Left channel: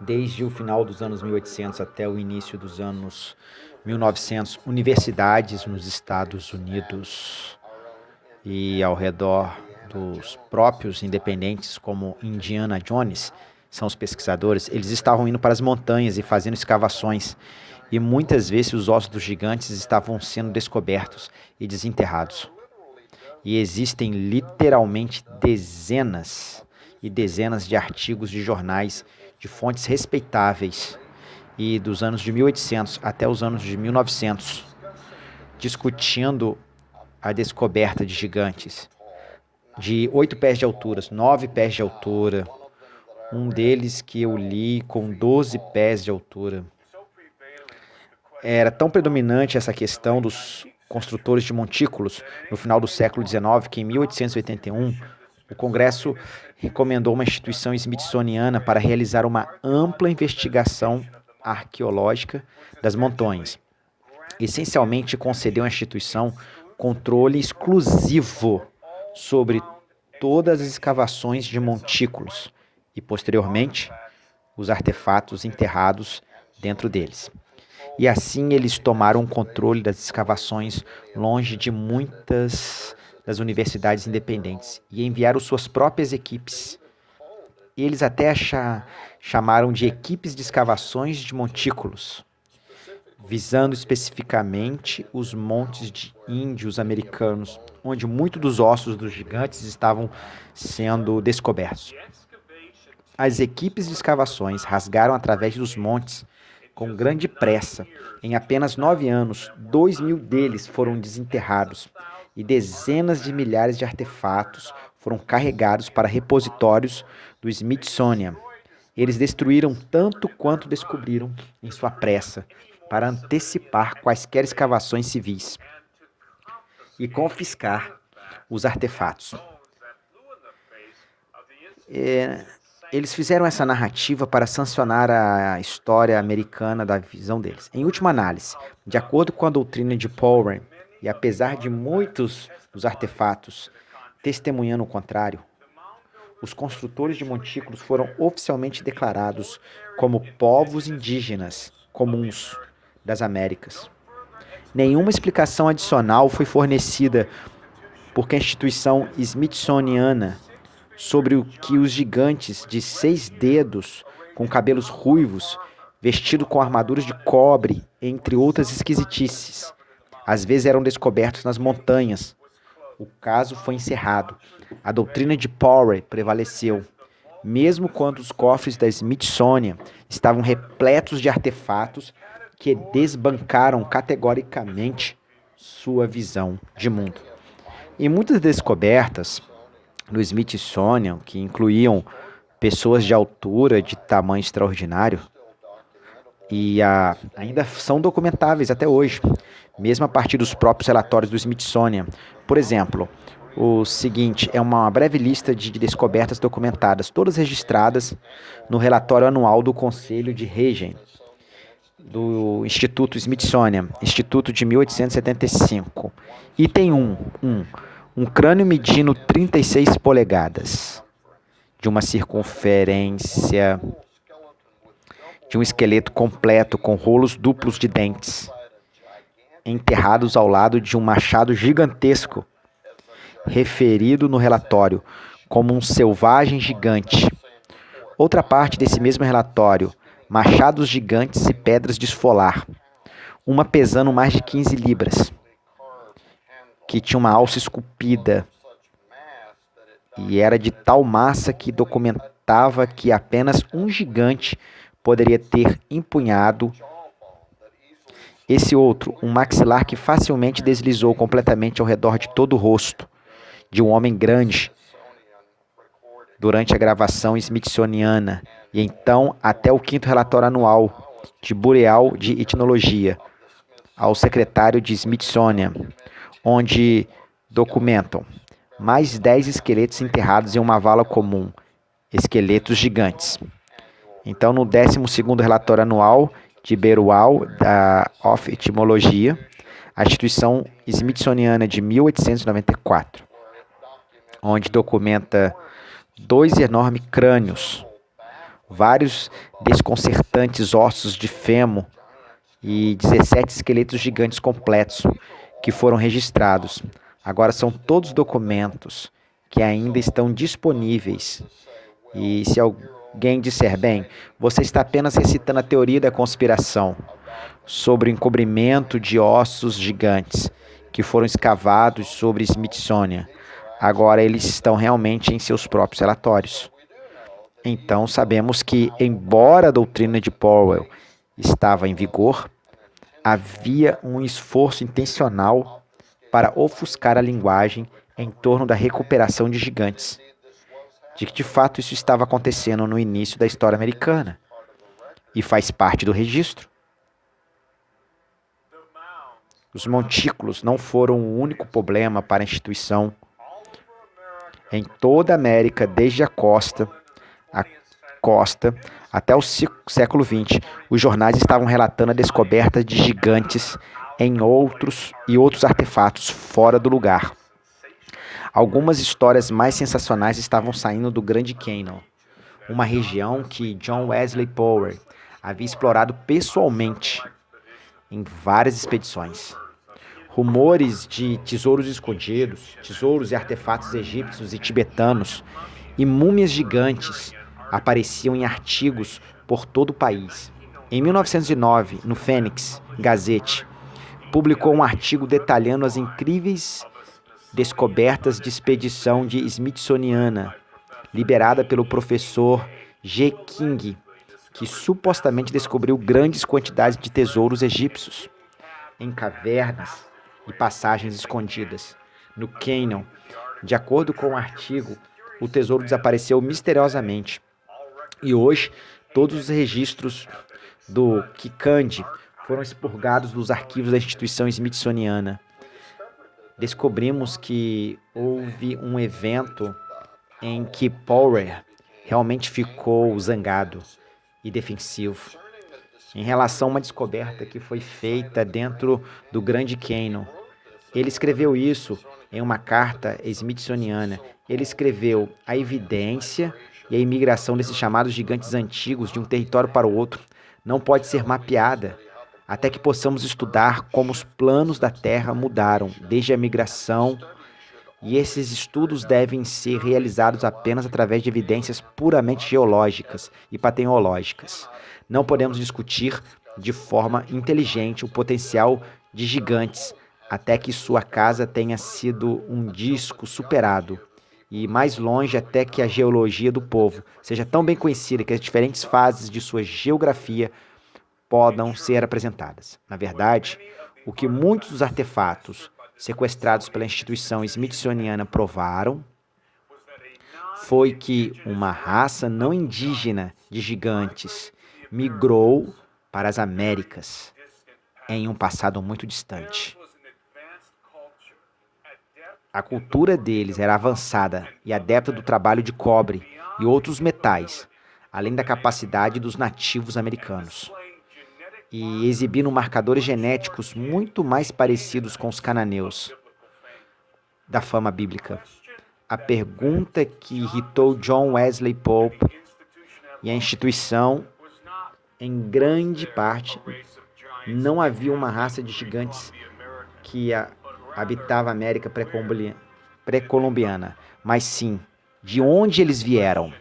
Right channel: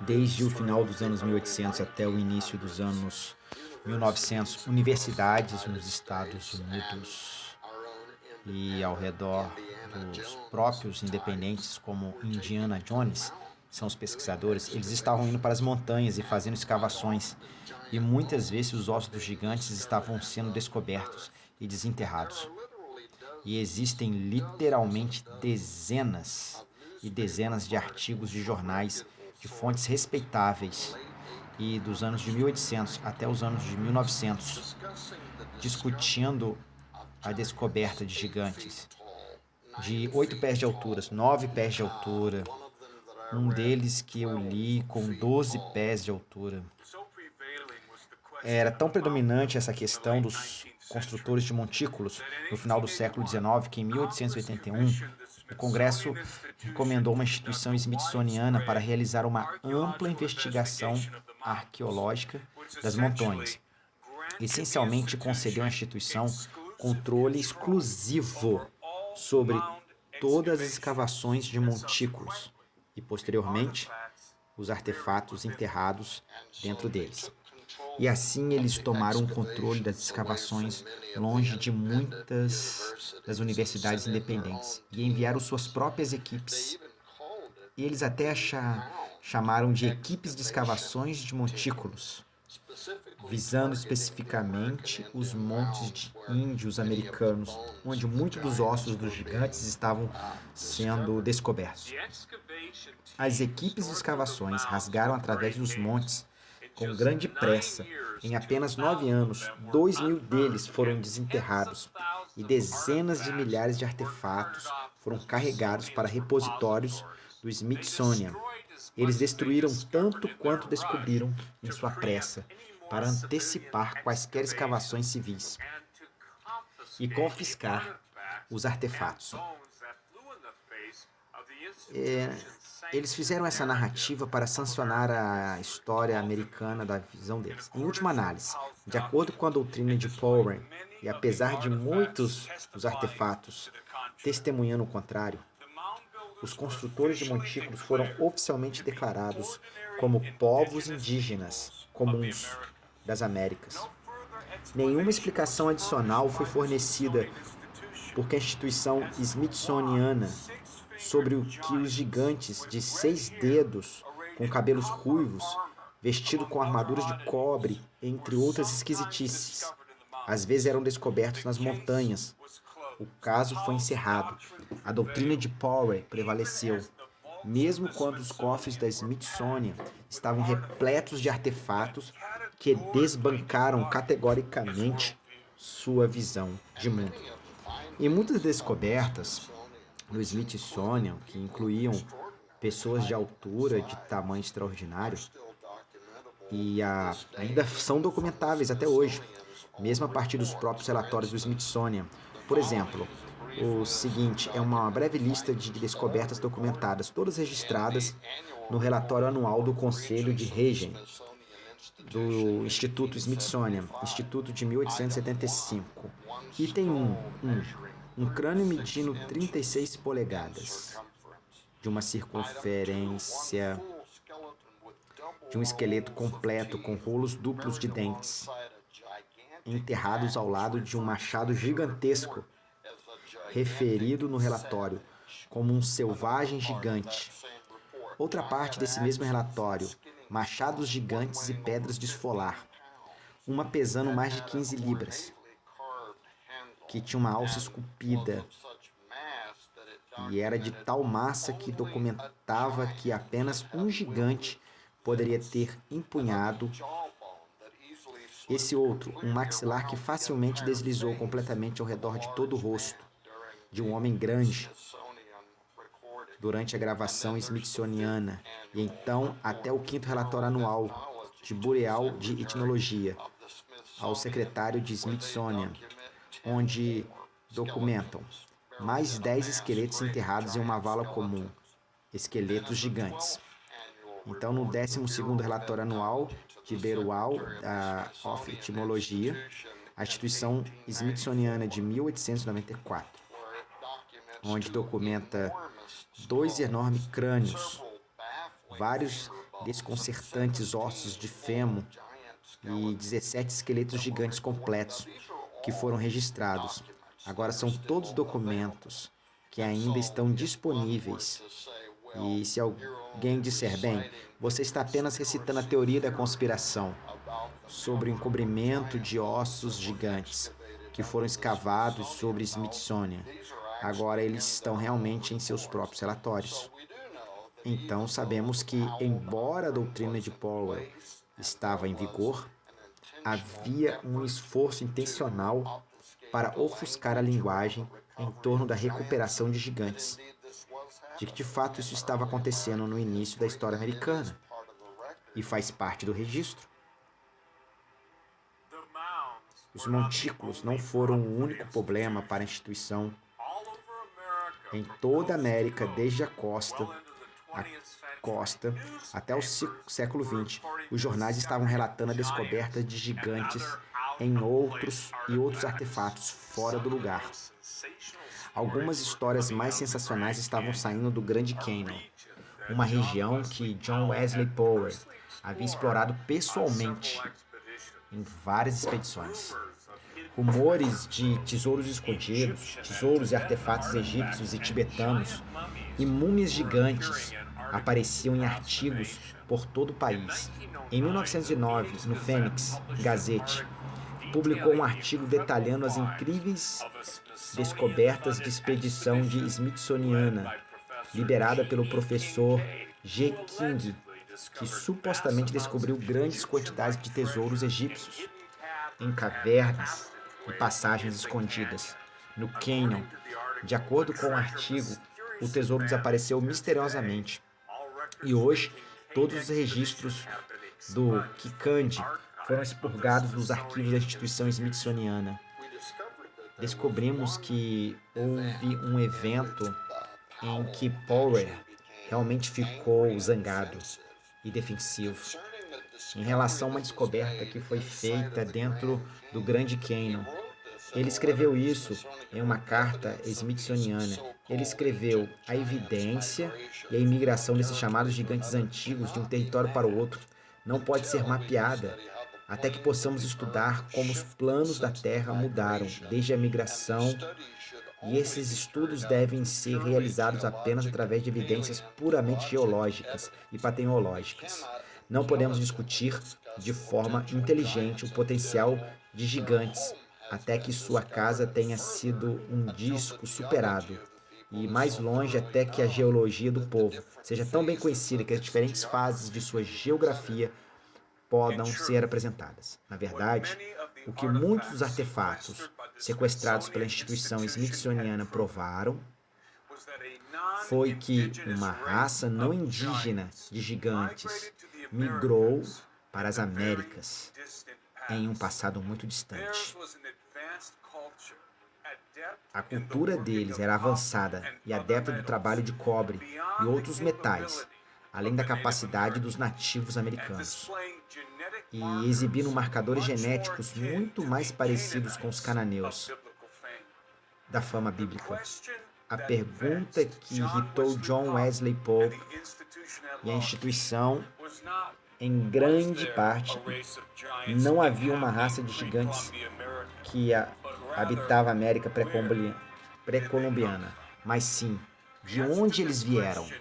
Desde o final dos anos 1800 até o início dos anos 1900, universidades nos Estados Unidos e ao redor dos próprios independentes, como Indiana Jones, são os pesquisadores, eles estavam indo para as montanhas e fazendo escavações, e muitas vezes os ossos dos gigantes estavam sendo descobertos e desenterrados. E existem literalmente dezenas e dezenas de artigos de jornais de fontes respeitáveis e dos anos de 1800 até os anos de 1900, discutindo a descoberta de gigantes de 8 pés de altura, 9 pés de altura, um deles que eu li com 12 pés de altura. Era tão predominante essa questão dos construtores de montículos no final do século XIX que em 1881 o Congresso recomendou uma instituição smithsoniana para realizar uma ampla investigação arqueológica das montanhas. Essencialmente concedeu à instituição controle exclusivo sobre todas as escavações de montículos e, posteriormente, os artefatos enterrados dentro deles. E assim eles tomaram o controle das escavações longe de muitas das universidades independentes e enviaram suas próprias equipes. Eles até chamaram de equipes de escavações de montículos, visando especificamente os montes de índios americanos, onde muitos dos ossos dos gigantes estavam sendo descobertos. As equipes de escavações rasgaram através dos montes com grande pressa. Em apenas 9 anos, 2.000 deles foram desenterrados e dezenas de milhares de artefatos foram carregados para repositórios do Smithsonian. Eles destruíram tanto quanto descobriram em sua pressa, para antecipar quaisquer escavações civis e confiscar os artefatos. Eles fizeram essa narrativa para sancionar a história americana da visão deles. Em última análise, de acordo com a doutrina de Powell, e apesar de muitos dos artefatos testemunhando o contrário, os construtores de montículos foram oficialmente declarados como povos indígenas comuns das Américas. Nenhuma explicação adicional foi fornecida por a instituição smithsoniana sobre o que os gigantes de 6 dedos, com cabelos ruivos, vestidos com armaduras de cobre, entre outras esquisitices, às vezes eram descobertos nas montanhas. O caso foi encerrado. A doutrina de Powell prevaleceu, mesmo quando os cofres da Smithsonian estavam repletos de artefatos que desbancaram categoricamente sua visão de mundo. E muitas descobertas no Smithsonian, que incluíam pessoas de altura, de tamanho extraordinário, e ainda são documentáveis até hoje, mesmo a partir dos próprios relatórios do Smithsonian. Por exemplo, o seguinte é uma breve lista de descobertas documentadas, todas registradas no relatório anual do Conselho de Regem, do Instituto Smithsonian, Instituto de 1875. Item 1. Um crânio medindo 36 polegadas, de uma circunferência de um esqueleto completo com rolos duplos de dentes, enterrados ao lado de um machado gigantesco, referido no relatório como um selvagem gigante. Outra parte desse mesmo relatório, machados gigantes e pedras de esfolar, uma pesando mais de 15 libras, que tinha uma alça esculpida e era de tal massa que documentava que apenas um gigante poderia ter empunhado. Esse outro, um maxilar que facilmente deslizou completamente ao redor de todo o rosto de um homem grande durante a gravação smithsoniana, e então até o 5º relatório anual de Bureau de Etnologia ao secretário de Smithsonian, onde documentam mais 10 esqueletos enterrados em uma vala comum, esqueletos gigantes. Então, no 12º relatório anual de Bureau of Etymology, a instituição smithsoniana de 1894, onde documenta 2 enormes crânios vários desconcertantes ossos de fêmur e 17 esqueletos gigantes completos que foram registrados. Agora são todos documentos que ainda estão disponíveis. E se alguém disser, bem, você está apenas recitando a teoria da conspiração sobre o encobrimento de ossos gigantes que foram escavados sobre Smithsonian, agora eles estão realmente em seus próprios relatórios. Então sabemos que, embora a doutrina de Powell estava em vigor, havia um esforço intencional para ofuscar a linguagem em torno da recuperação de gigantes, de que de fato isso estava acontecendo no início da história americana e faz parte do registro. Os montículos não foram o único problema para a instituição. Em toda a América, desde a costa até o século XX, os jornais estavam relatando a descoberta de gigantes em outros artefatos fora do lugar. Algumas histórias mais sensacionais estavam saindo do Grande Canyon, uma região que John Wesley Powell havia explorado pessoalmente em várias expedições. Rumores de tesouros escondidos, tesouros e artefatos egípcios e tibetanos e múmias gigantes apareciam em artigos por todo o país. Em 1909, no Phoenix Gazette, publicou um artigo detalhando as incríveis descobertas de expedição de Smithsoniana, liberada pelo professor G. King, que supostamente descobriu grandes quantidades de tesouros egípcios em cavernas e passagens escondidas. No Canyon, de acordo com o artigo, o tesouro desapareceu misteriosamente. E hoje, todos os registros do Kikandi foram expurgados dos arquivos da instituição Smithsoniana. Descobrimos que houve um evento em que Powell realmente ficou zangado e defensivo em relação a uma descoberta que foi feita dentro do Grande Canyon. Ele escreveu isso em uma carta smithsoniana. Ele escreveu a evidência e a imigração desses chamados gigantes antigos de um território para o outro não pode ser mapeada até que possamos estudar como os planos da Terra mudaram desde a migração, e esses estudos devem ser realizados apenas através de evidências puramente geológicas e pateológicas. Não podemos discutir de forma inteligente o potencial de gigantes até que sua casa tenha sido um disco superado, e mais longe até que a geologia do povo seja tão bem conhecida que as diferentes fases de sua geografia podem ser apresentadas. Na verdade, o que muitos dos artefatos sequestrados pela instituição smithsoniana provaram foi que uma raça não indígena de gigantes migrou para as Américas em um passado muito distante. A cultura deles era avançada e adepta do trabalho de cobre e outros metais, além da capacidade dos nativos americanos, e exibindo marcadores genéticos muito mais parecidos com os cananeus da fama bíblica. A pergunta que irritou John Wesley Powell e a instituição, em grande parte, não havia uma raça de gigantes que habitava a América pré-colombiana, mas sim, de onde eles vieram?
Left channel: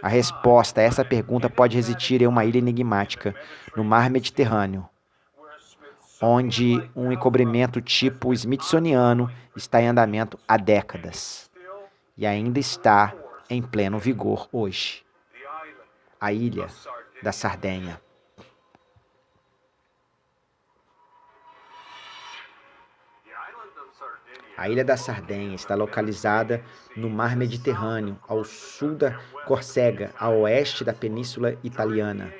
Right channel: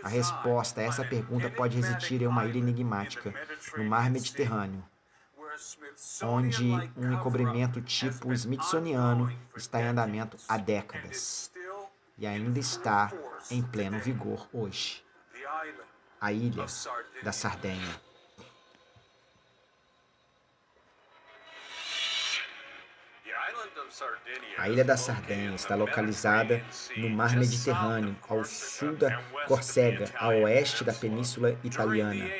A resposta a essa pergunta pode residir em uma ilha enigmática no mar Mediterrâneo, onde um encobrimento tipo smithsoniano está em andamento há décadas e ainda está em pleno vigor hoje. A Ilha da Sardenha. A Ilha da Sardenha está localizada no mar Mediterrâneo, ao sul da Córcega, a oeste da Península Italiana.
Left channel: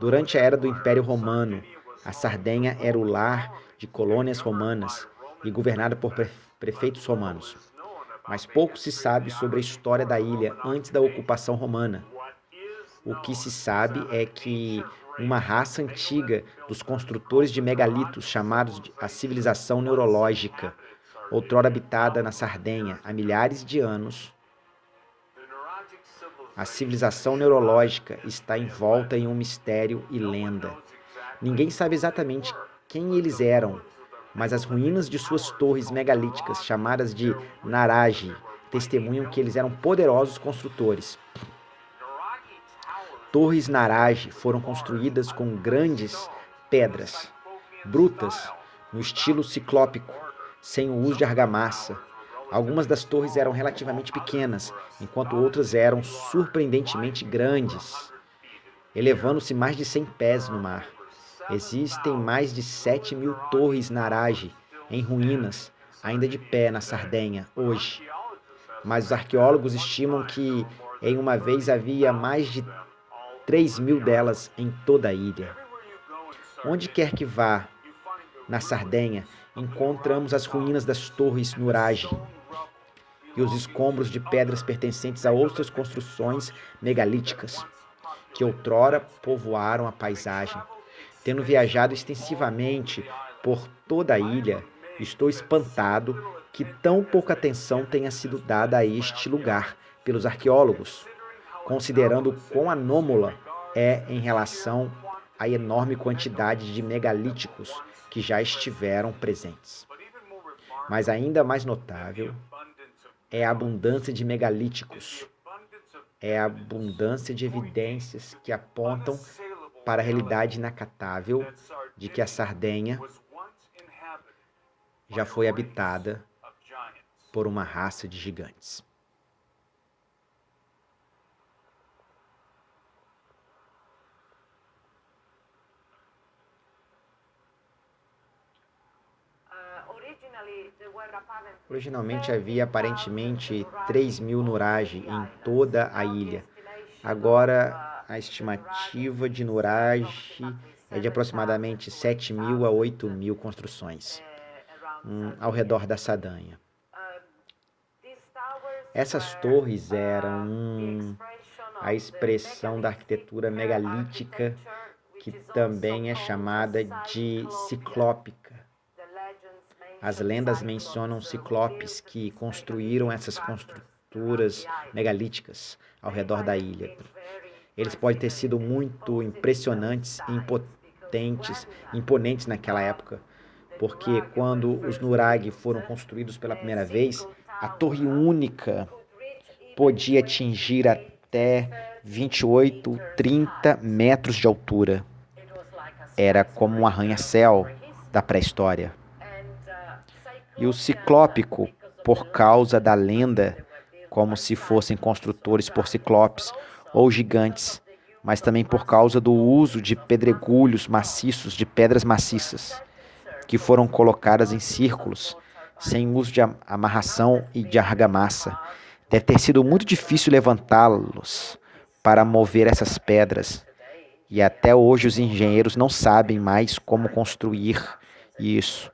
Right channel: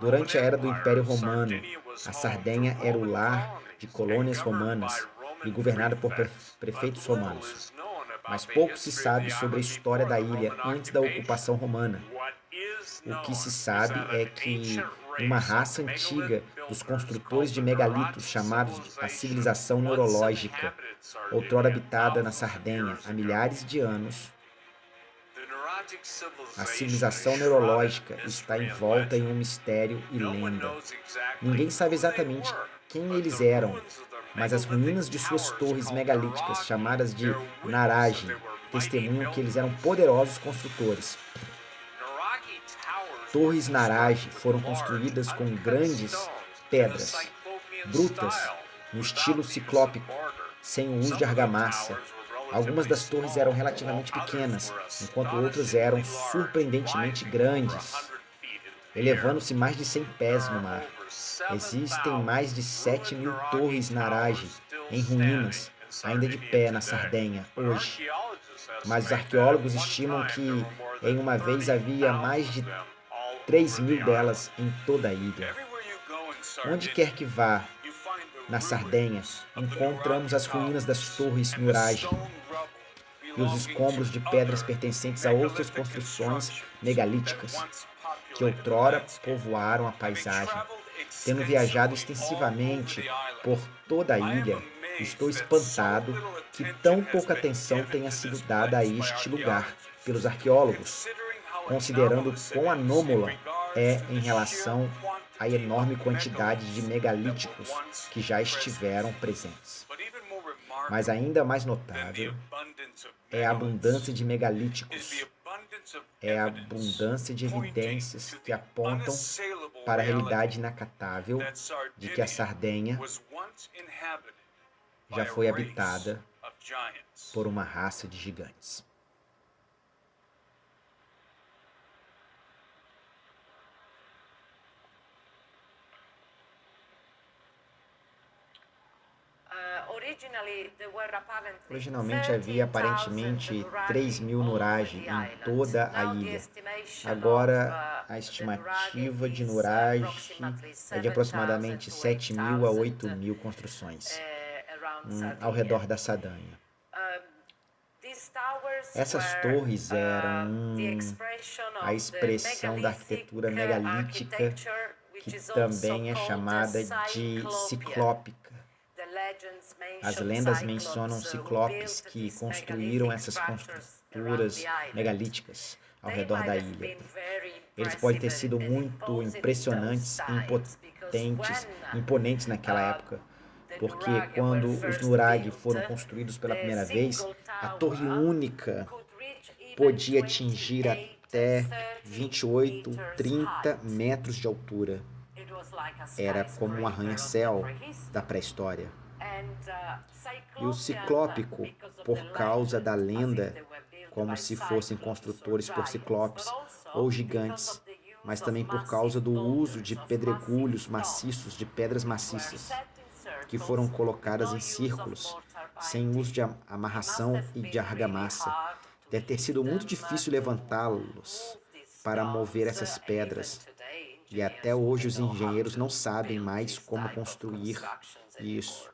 Durante a era do Império Romano, a Sardenha era o lar de colônias romanas e governada por prefeitos romanos. Mas pouco se sabe sobre a história da ilha antes da ocupação romana. O que se sabe é que uma raça antiga dos construtores de megalitos, chamados de a civilização neológica, outrora habitada na Sardenha há milhares de anos, A civilização neológica está envolta em um mistério e lenda. Ninguém sabe exatamente quem eles eram, mas as ruínas de suas torres megalíticas, chamadas de Naragi, testemunham que eles eram poderosos construtores. Torres Naragi foram construídas com grandes pedras, brutas, no estilo ciclópico, sem o uso de argamassa. Algumas das torres eram relativamente pequenas, enquanto outras eram surpreendentemente grandes, elevando-se mais de 100 pés no mar. Existem mais de 7.000 torres Naragi em ruínas, ainda de pé na Sardenha, hoje. Mas os arqueólogos estimam que em uma vez havia mais de 3.000 delas em toda a ilha. Onde quer que vá, na Sardenha, encontramos as ruínas das torres Nuragi e os escombros de pedras pertencentes a outras construções megalíticas que outrora povoaram a paisagem. Tendo viajado extensivamente por toda a ilha, estou espantado que tão pouca atenção tenha sido dada a este lugar pelos arqueólogos, considerando quão anômala é em relação à enorme quantidade de megalíticos que já estiveram presentes. Mas ainda mais notável é a abundância de megalíticos, é a abundância de evidências que apontam para a realidade inacatável de que a Sardenha já foi habitada por uma raça de gigantes. Originalmente havia aparentemente 3.000 Nuragi em toda a ilha. Agora, a estimativa de Nuragi é de aproximadamente 7.000 a 8.000 construções ao redor da Sardenha. Essas torres eram a expressão da arquitetura megalítica, que também é chamada de ciclópica. As lendas mencionam ciclopes que construíram essas construturas megalíticas ao redor da ilha. Eles podem ter sido muito impressionantes e imponentes naquela época, porque quando os Nuragi foram construídos pela primeira vez, a torre única podia atingir até 28, 30 metros de altura. Era como um arranha-céu da pré-história. E o ciclópico, por causa da lenda, como se fossem construtores por ciclopes ou gigantes, mas também por causa do uso de pedregulhos maciços, de pedras maciças, que foram colocadas em círculos, sem uso de amarração e de argamassa. Deve ter sido muito difícil levantá-los para mover essas pedras. E até hoje os engenheiros não sabem mais como construir isso.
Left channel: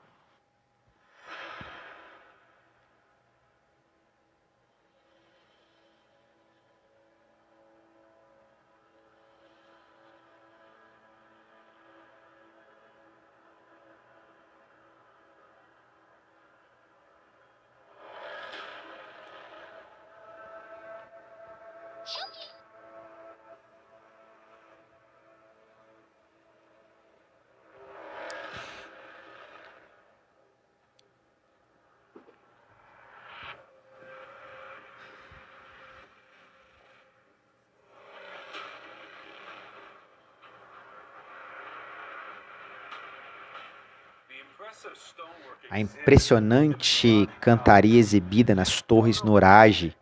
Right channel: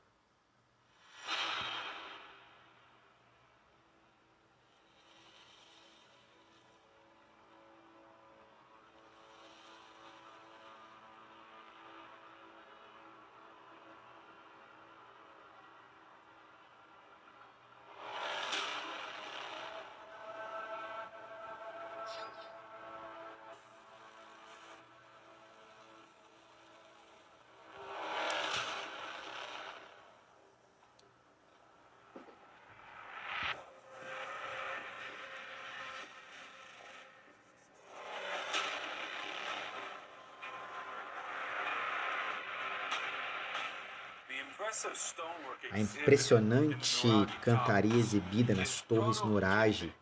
A impressionante cantaria exibida nas torres Nuragi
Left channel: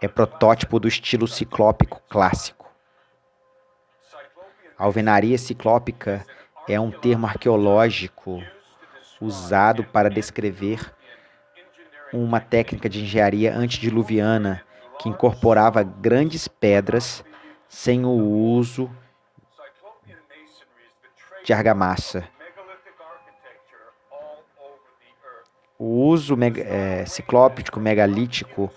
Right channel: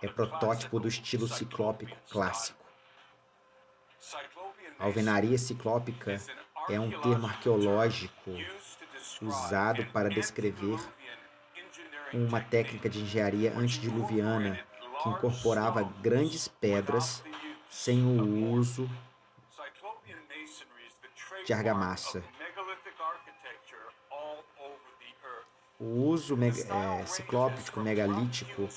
é protótipo do estilo ciclópico clássico. A alvenaria ciclópica é um termo arqueológico usado para descrever uma técnica de engenharia antediluviana que incorporava grandes pedras sem o uso de argamassa. O uso ciclópico megalítico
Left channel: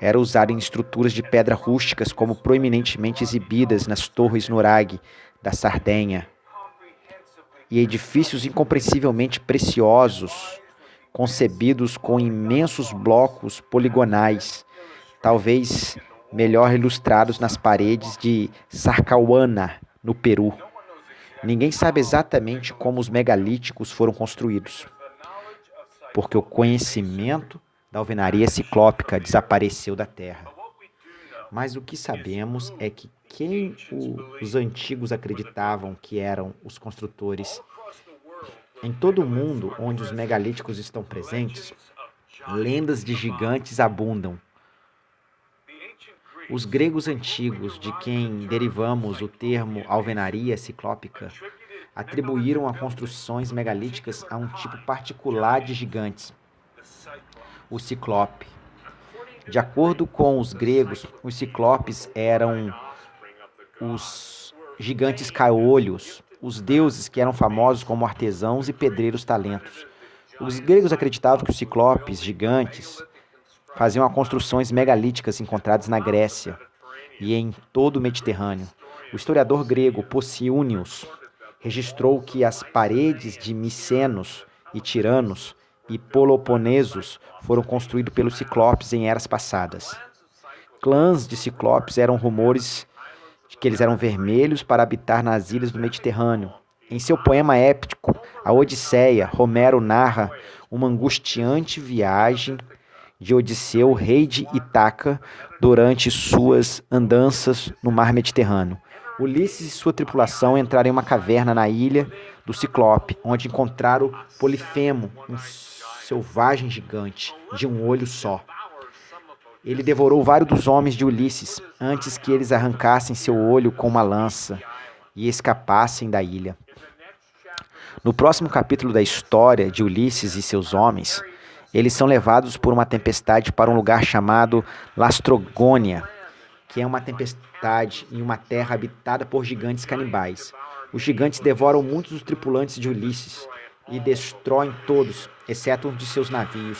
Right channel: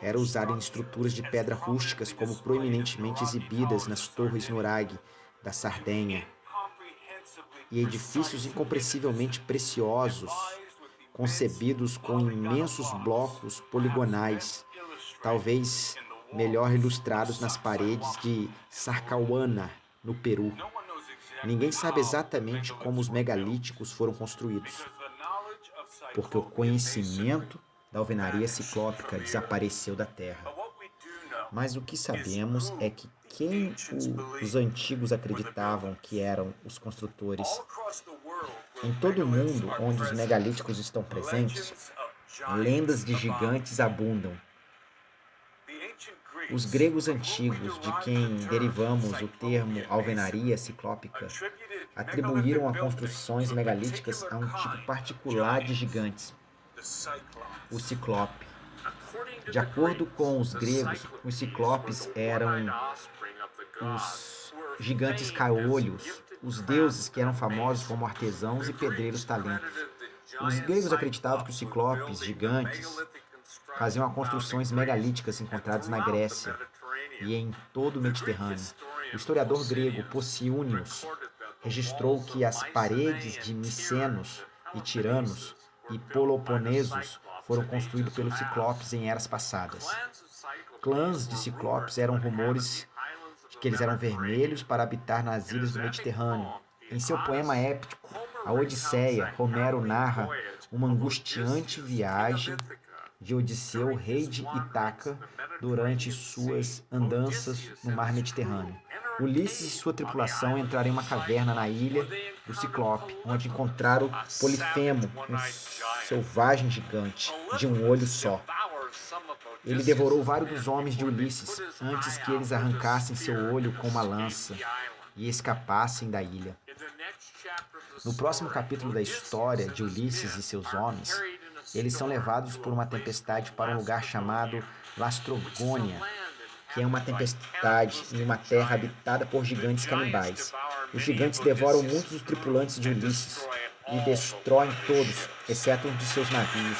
era usado em estruturas de pedra rústicas, como proeminentemente exibidas nas torres Nuragi da Sardenha, e edifícios incompreensivelmente preciosos, concebidos com imensos blocos poligonais, talvez melhor ilustrados nas paredes de Sarcahuana, no Peru. Ninguém sabe exatamente como os megalíticos foram construídos, porque o conhecimento da alvenaria ciclópica desapareceu da Terra. Mas o que sabemos é que quem os antigos acreditavam que eram os construtores, em todo o mundo onde os megalíticos estão presentes, lendas de gigantes abundam. Os gregos antigos, de quem derivamos o termo alvenaria ciclópica, atribuíram a construções megalíticas a um tipo particular de gigantes, o ciclope. De acordo com os gregos, os ciclopes eram os gigantes caolhos, os deuses que eram famosos como artesãos e pedreiros talentos. Os gregos acreditavam que os ciclopes gigantes faziam construções megalíticas encontradas na Grécia e em todo o Mediterrâneo. O historiador grego Posidônios registrou que as paredes de Micenos e Tiranos e Peloponesos foram construídos pelos ciclopes em eras passadas. Clãs de ciclopes eram rumores de que eles eram vermelhos para habitar nas ilhas do Mediterrâneo. Em seu poema épico, a Odisseia, Homero narra uma angustiante viagem de Odisseu, rei de Ítaca, durante suas andanças no mar Mediterrâneo. Ulisses e sua tripulação entraram em uma caverna na ilha do Ciclope, onde encontraram Polifemo, um selvagem gigante, de um olho só. Ele devorou vários dos homens de Ulisses, antes que eles arrancassem seu olho com uma lança e escapassem da ilha. No próximo capítulo da história de Ulisses e seus homens, eles são levados por uma tempestade para um lugar chamado Lastrogônia, que é uma tempestade em uma terra habitada por gigantes canibais. Os gigantes devoram muitos dos tripulantes de Ulisses e destroem todos, exceto um de seus navios.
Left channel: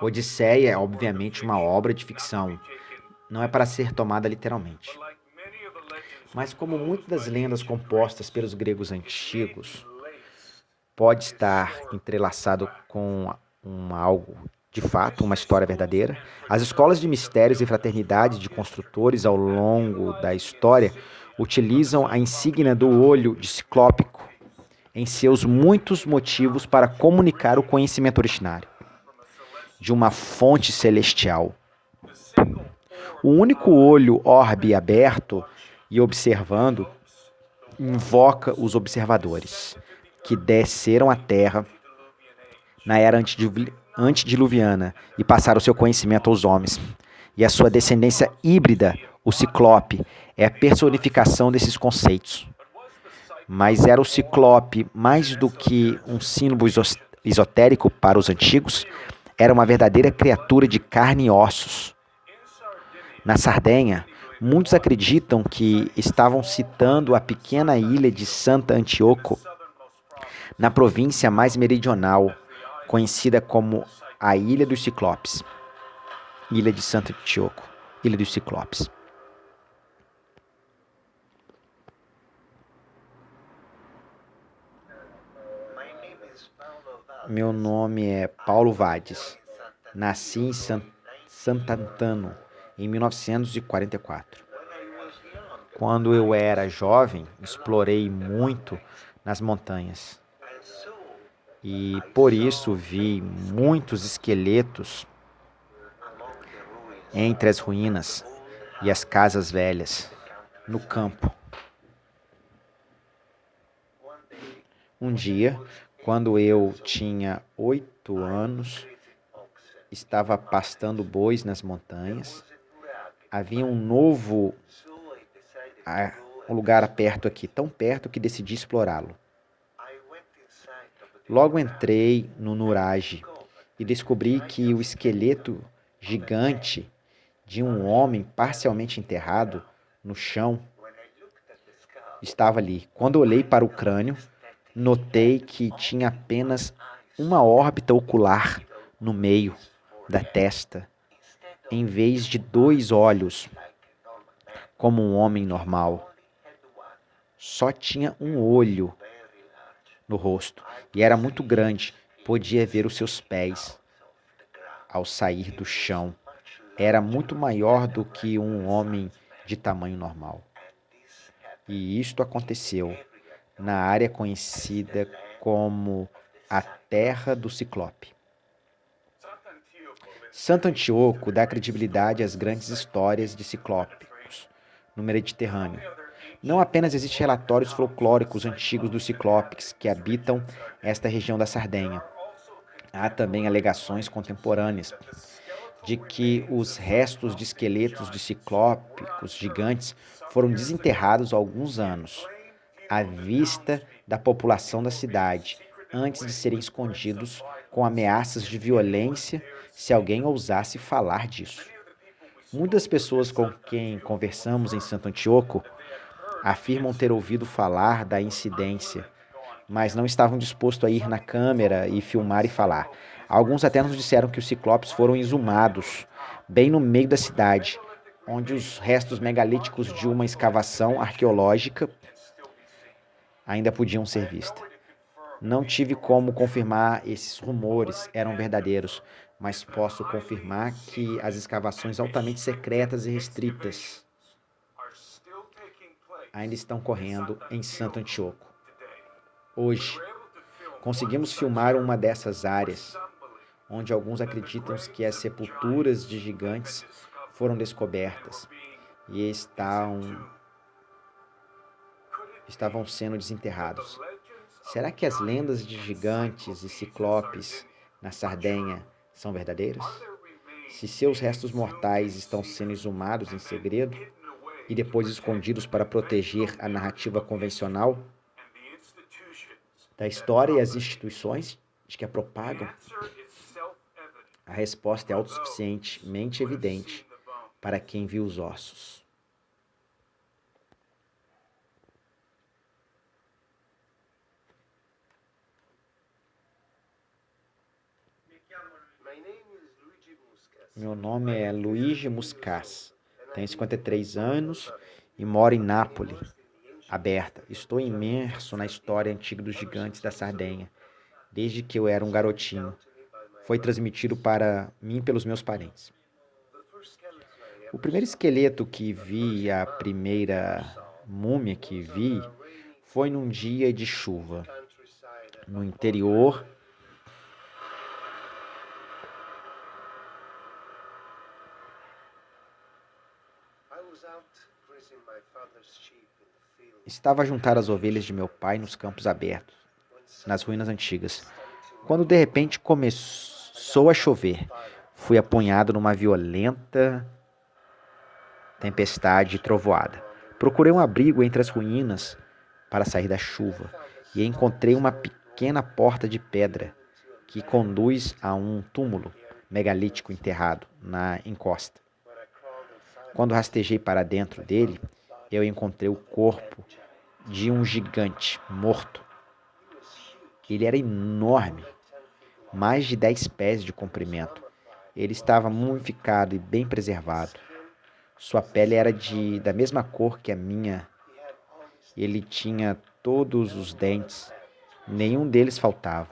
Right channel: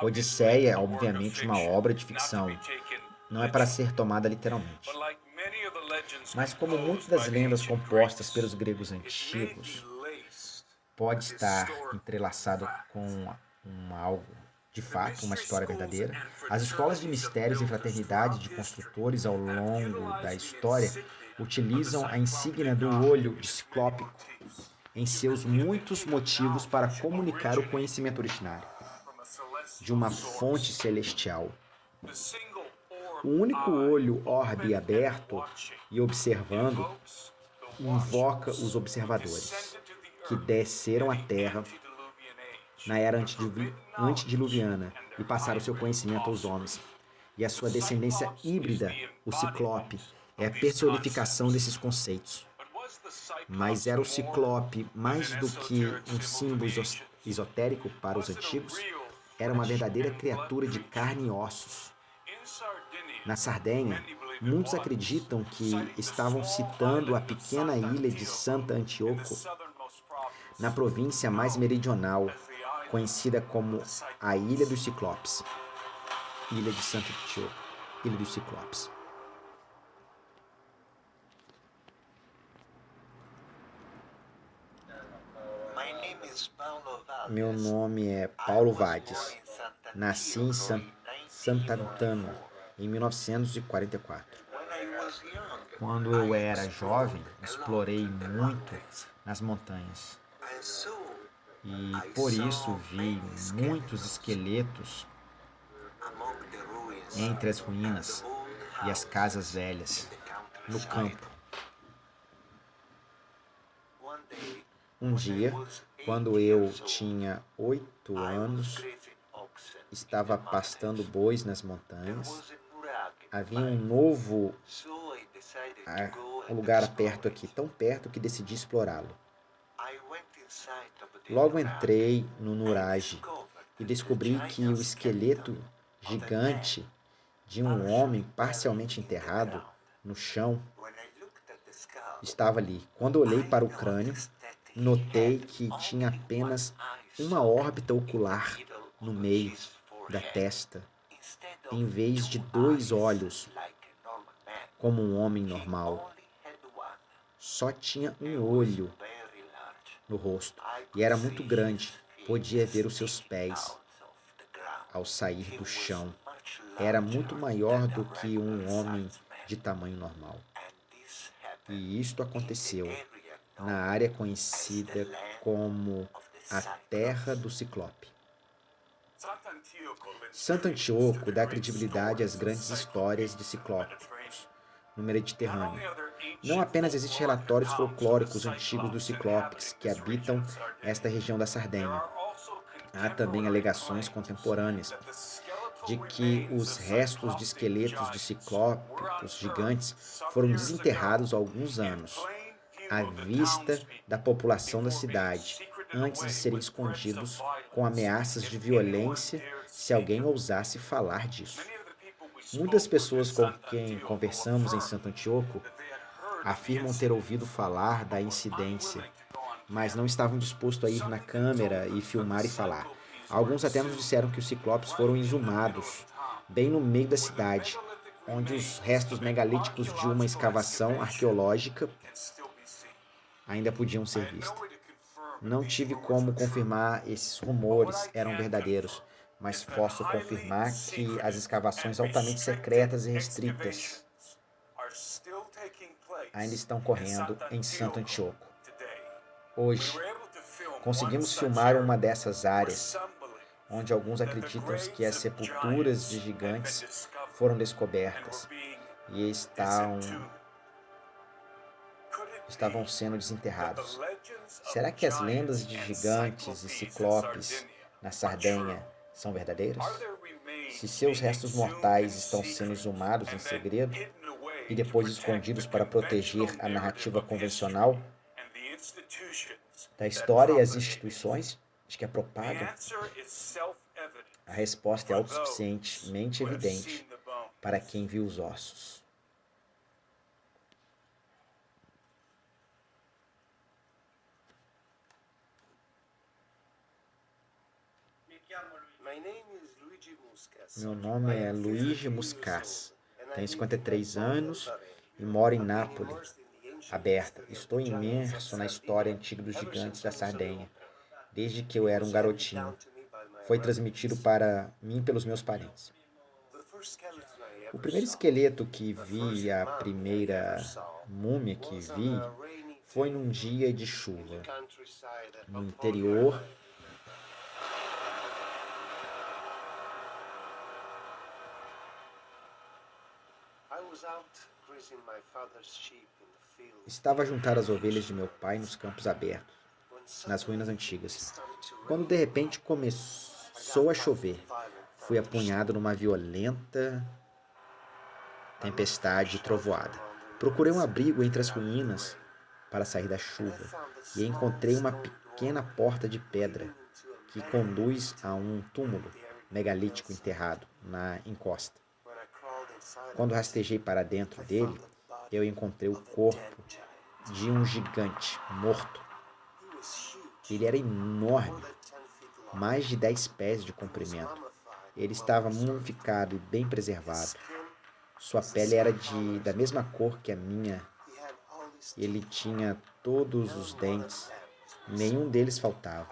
Odisseia é obviamente uma obra de ficção, não é para ser tomada literalmente. Mas como muitas das lendas compostas pelos gregos antigos, pode estar entrelaçado com algo de fato, uma história verdadeira. As escolas de mistérios e fraternidade de construtores ao longo da história utilizam a insígnia do olho de ciclópico em seus muitos motivos para comunicar o conhecimento originário de uma fonte celestial. O único olho orbe aberto e observando invoca os observadores que desceram à Terra na era antediluviana e passaram seu conhecimento aos homens. E a sua descendência híbrida, o Ciclope, é a personificação desses conceitos. Mas era o Ciclope mais do que um símbolo esotérico para os antigos, era uma verdadeira criatura de carne e ossos. Na Sardenha, muitos acreditam que estavam citando a pequena ilha de Santa Antíoco, na província mais meridional, conhecida como a Ilha dos Ciclopes. Ilha de Santa Antíoco, Ilha dos Ciclopes. Meu nome é Paulo Vades. Nasci em Sant'Antano, em 1944. Quando eu era jovem, explorei muito nas montanhas. E por isso vi muitos esqueletos entre as ruínas e as casas velhas, no campo. Um dia, quando eu tinha 8 anos, estava pastando bois nas montanhas. Havia um lugar perto aqui, tão perto que decidi explorá-lo. Logo entrei no Nurage e descobri que o esqueleto gigante de um homem parcialmente enterrado no chão estava ali. Quando olhei para o crânio, notei que tinha apenas uma órbita ocular no meio da testa, em vez de 2 olhos, como um homem normal. Só tinha um olho no rosto e era muito grande, podia ver os seus pés ao sair do chão era muito maior do que um homem de tamanho normal. E isto aconteceu na área conhecida como a Terra do Ciclope. Santo Antíoco dá credibilidade às grandes histórias de ciclópicos no Mediterrâneo. Não apenas existem relatórios folclóricos antigos dos ciclopes que habitam esta região da Sardenha. Há também alegações contemporâneas de que os restos de esqueletos de ciclópicos gigantes foram desenterrados há alguns anos, à vista da população da cidade, antes de serem escondidos com ameaças de violência se alguém ousasse falar disso. Muitas pessoas com quem conversamos em Santo Antíoco afirmam ter ouvido falar da incidência, mas não estavam dispostos a ir na câmera e filmar e falar. Alguns até nos disseram que os ciclopes foram exumados bem no meio da cidade, onde os restos megalíticos de uma escavação arqueológica ainda podiam ser vistos. Não tive como confirmar esses rumores eram verdadeiros, mas posso confirmar que as escavações altamente secretas e restritas ainda estão correndo em Santo Antíoco. Hoje, conseguimos filmar uma dessas áreas, onde alguns acreditam que as sepulturas de gigantes foram descobertas e estavam sendo desenterrados. Será que as lendas de gigantes e ciclopes na Sardenha são verdadeiras? Se seus restos mortais estão sendo exumados em segredo e depois escondidos para proteger a narrativa convencional da história e as instituições de que a propagam, a resposta é autossuficientemente evidente para quem viu os ossos. Meu nome é Luigi Muscas, tenho 53 anos e moro em Nápoles, aberta. Estou imerso na história antiga dos gigantes da Sardenha, desde que eu era um garotinho. Foi transmitido para mim pelos meus parentes. O primeiro esqueleto que vi, a primeira múmia que vi, foi num dia de chuva, no interior Estava a juntar as ovelhas de meu pai nos campos abertos, nas ruínas antigas, quando de repente começou a chover. Fui apanhado numa violenta tempestade e trovoada. Procurei um abrigo entre as ruínas para sair da chuva e encontrei uma pequena porta de pedra que conduz a um túmulo megalítico enterrado na encosta. Quando rastejei para dentro dele, eu encontrei o corpo de um gigante morto. Ele era enorme, mais de 10 pés de comprimento. Ele estava mumificado e bem preservado. Sua pele era da mesma cor que a minha. Ele tinha todos os dentes, nenhum deles faltava.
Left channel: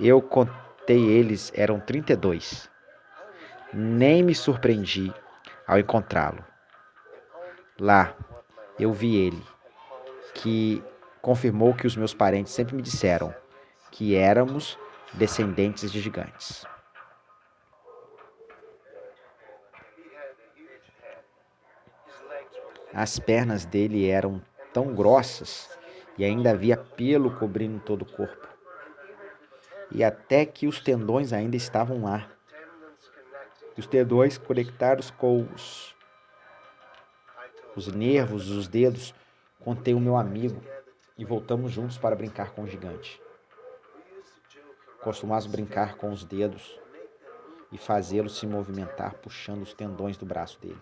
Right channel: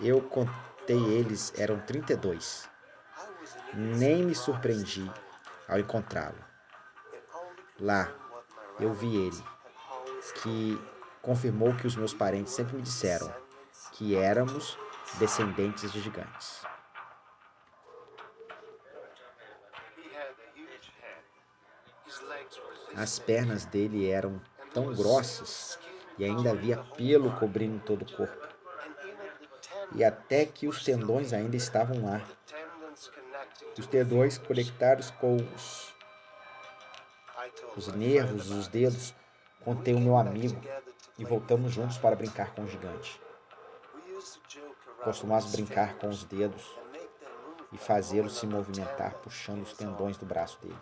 Eu contei eles, eram 32. Nem me surpreendi ao encontrá-lo. Lá, eu vi ele, que confirmou que os meus parentes sempre me disseram que éramos descendentes de gigantes. As pernas dele eram tão grossas e ainda havia pelo cobrindo todo o corpo. E até que os tendões ainda estavam lá. Os tendões conectados com os nervos, os dedos. Contei o meu amigo e voltamos juntos para brincar com o gigante. Costumávamos brincar com os dedos e fazê-lo se movimentar puxando os tendões do braço dele.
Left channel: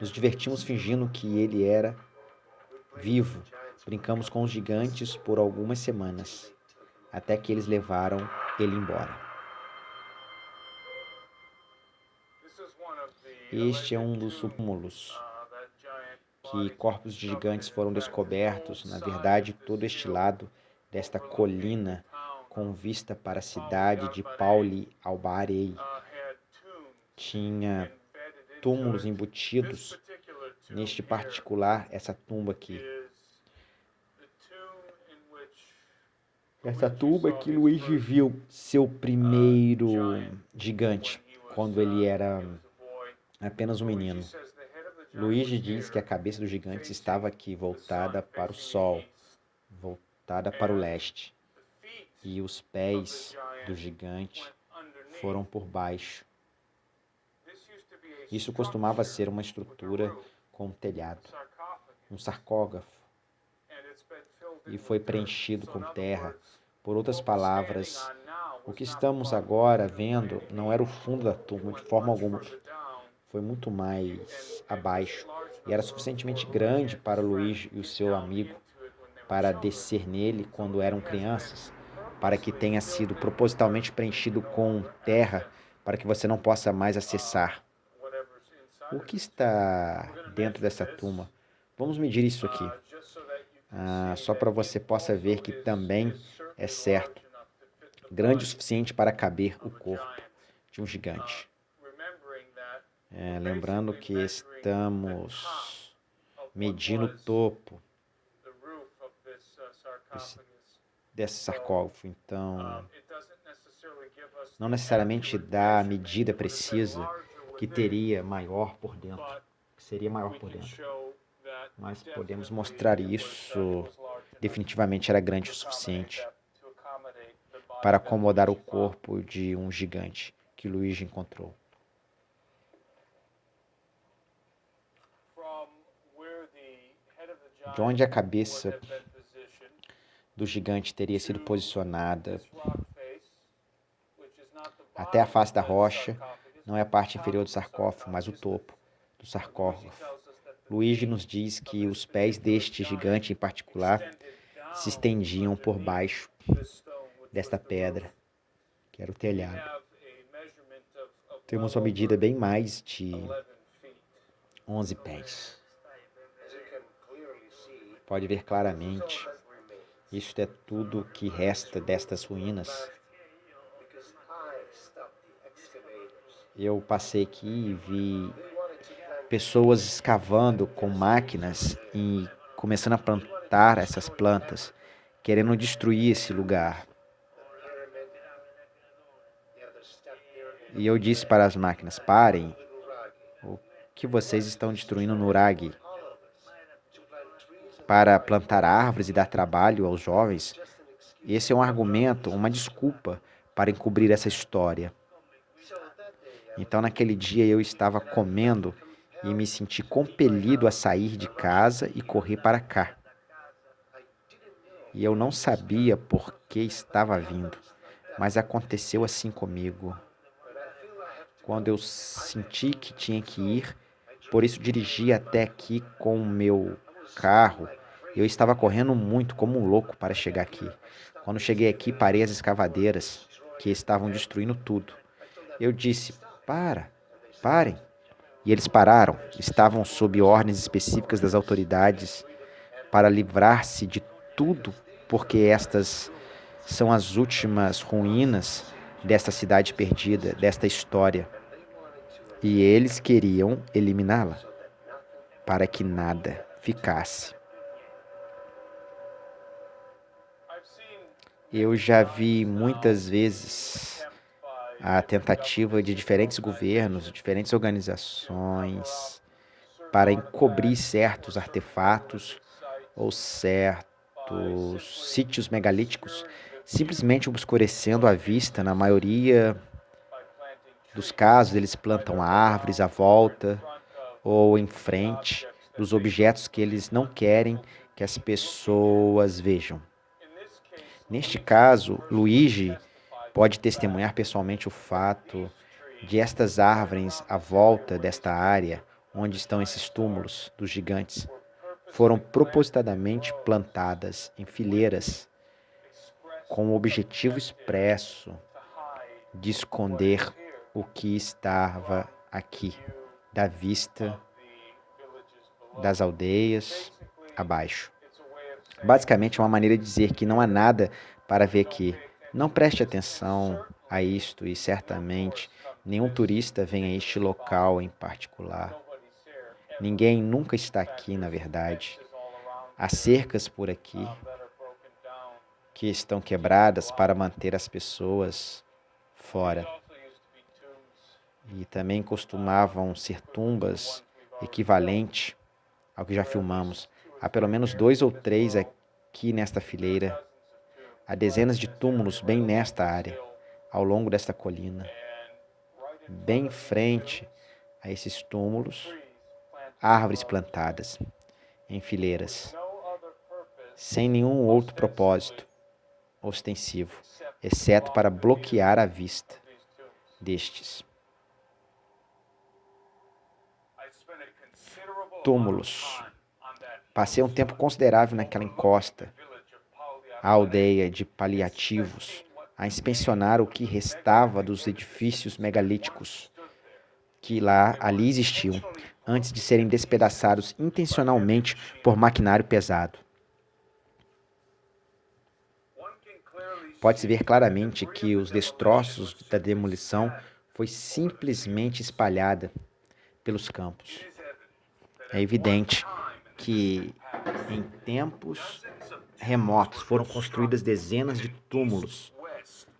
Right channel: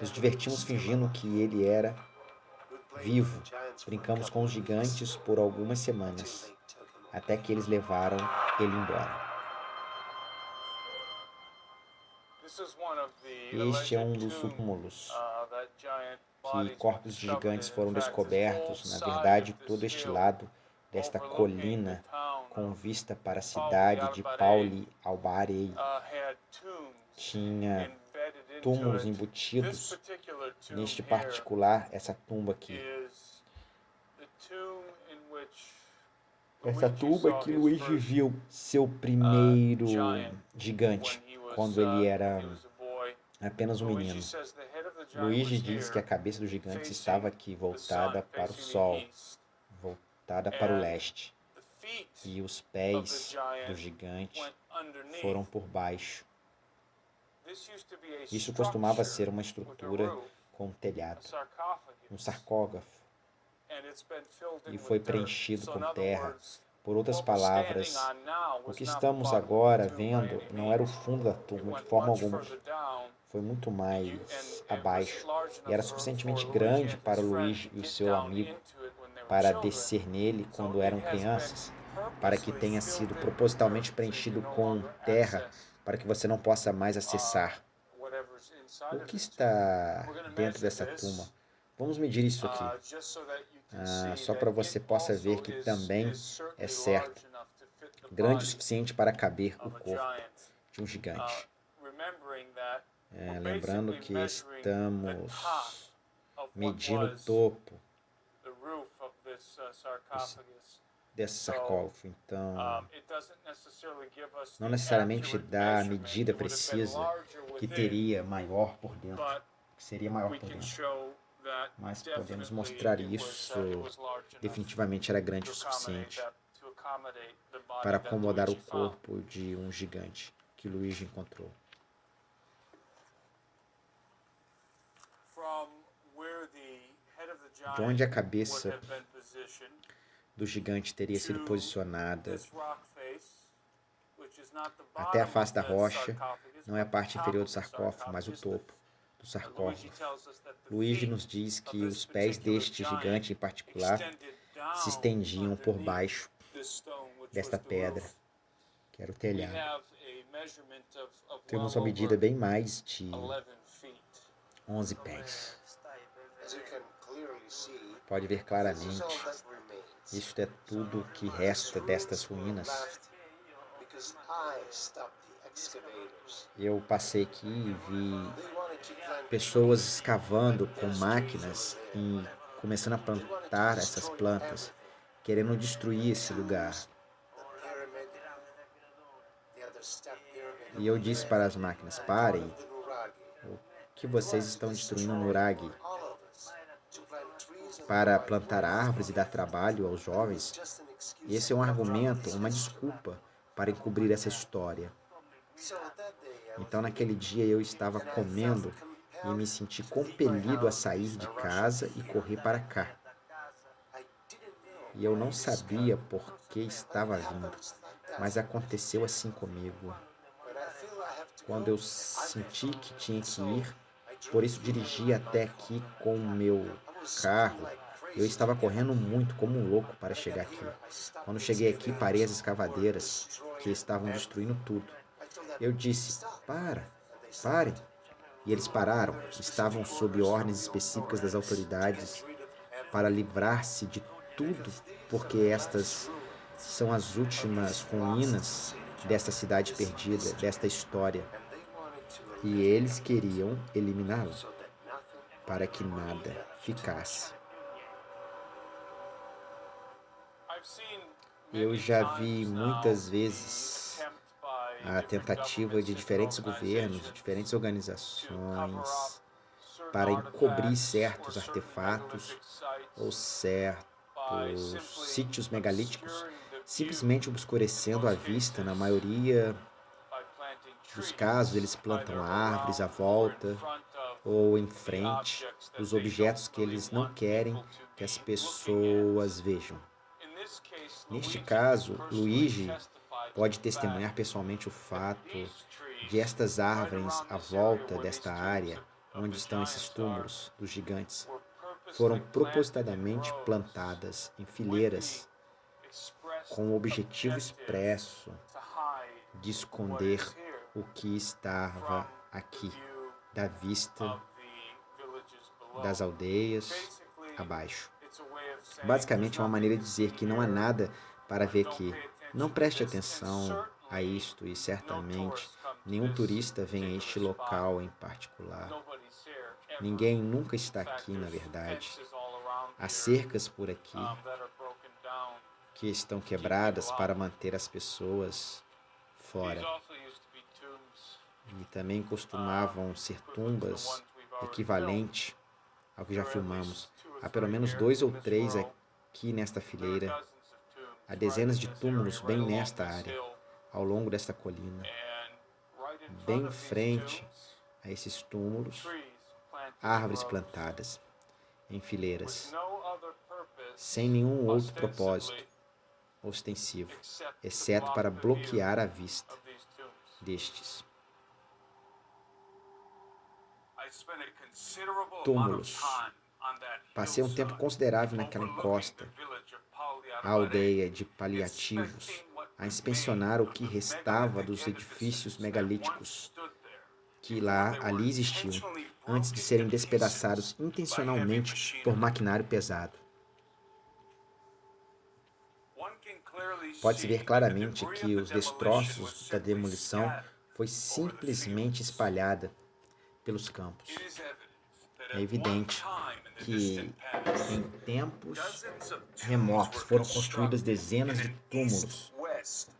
Nos divertimos fingindo que ele era vivo. Brincamos com os gigantes por algumas semanas, até que eles levaram ele embora. Este é um dos túmulos que corpos de gigantes foram descobertos. Na verdade, todo este lado desta colina com vista para a cidade de Pauli al-Barei. Tinha túmulos embutidos. Neste particular, essa tumba aqui. Essa tumba que Luigi viu seu primeiro gigante, quando ele era apenas um menino. Luigi diz que a cabeça do gigante estava aqui, voltada para o sol, voltada para o leste. E os pés do gigante foram por baixo. Isso costumava ser uma estrutura com um telhado, um sarcófago, e foi preenchido com terra. Por outras palavras, o que estamos agora vendo não era o fundo da tumba de forma alguma. Foi muito mais abaixo e era suficientemente grande para Luigi e o seu amigo para descer nele quando eram crianças, para que tenha sido propositalmente preenchido com terra para que você não possa mais acessar. O que está dentro dessa tumba? Vamos medir isso aqui, só para você possa ver que também é certo, grande o suficiente para caber o corpo de um gigante. Lembrando que estamos medindo o topo desse sarcófago, então não necessariamente dá a medida precisa que teria maior por dentro, que seria maior por dentro, mas podemos mostrar isso. Definitivamente era grande o suficiente para acomodar o corpo de um gigante que Luigi encontrou. De onde a cabeça do gigante teria sido posicionada até a face da rocha, não é a parte inferior do sarcófago, mas o topo do sarcófago. Luigi nos diz que os pés deste gigante em particular se estendiam por baixo desta pedra, que era o telhado. Temos uma medida bem mais de 11 pés. Pode ver claramente, isto é tudo que resta destas ruínas. Eu passei aqui e vi pessoas escavando com máquinas e começando a plantar essas plantas, querendo destruir esse lugar. E eu disse para as máquinas: parem, o que vocês estão destruindo no Nurag? Para plantar árvores e dar trabalho aos jovens? Esse é um argumento, uma desculpa para encobrir essa história. Então, naquele dia, eu estava comendo e me senti compelido a sair de casa e correr para cá. E eu não sabia por que estava vindo, mas aconteceu assim comigo. Quando eu senti que tinha que ir, por isso dirigi até aqui com o meu carro. Eu estava correndo muito, como um louco, para chegar aqui. Quando cheguei aqui, parei as escavadeiras, que estavam destruindo tudo. Eu disse: parem. E eles pararam. Estavam sob ordens específicas das autoridades para livrar-se de tudo, porque estas são as últimas ruínas desta cidade perdida, desta história. E eles queriam eliminá-la, para que nada ficasse. Eu já vi muitas vezes a tentativa de diferentes governos, diferentes organizações, para encobrir certos artefatos ou certos sítios megalíticos, simplesmente obscurecendo a vista. Na maioria dos casos, eles plantam árvores à volta ou em frente dos objetos que eles não querem que as pessoas vejam. Neste caso, Luigi pode testemunhar pessoalmente o fato de estas árvores à volta desta área, onde estão esses túmulos dos gigantes, foram propositadamente plantadas em fileiras com o objetivo expresso de esconder o que estava aqui, da vista das aldeias abaixo. Basicamente é uma maneira de dizer que não há nada para ver aqui. Não preste atenção a isto e certamente nenhum turista vem a este local em particular. Ninguém nunca está aqui, na verdade. Há cercas por aqui que estão quebradas para manter as pessoas fora. E também costumavam ser tumbas equivalente ao que já filmamos. Há pelo menos 2 ou 3 aqui nesta fileira. Há dezenas de túmulos bem nesta área, ao longo desta colina. Bem em frente a esses túmulos, árvores plantadas em fileiras, sem nenhum outro propósito ostensivo, exceto para bloquear a vista destes túmulos. Passei um tempo considerável naquela encosta, a aldeia de Paliativos, a inspecionar o que restava dos edifícios megalíticos que ali existiam, antes de serem despedaçados intencionalmente por maquinário pesado. Pode-se ver claramente que os destroços da demolição foi simplesmente espalhada pelos campos. É evidente que em tempos remotos foram construídas dezenas de túmulos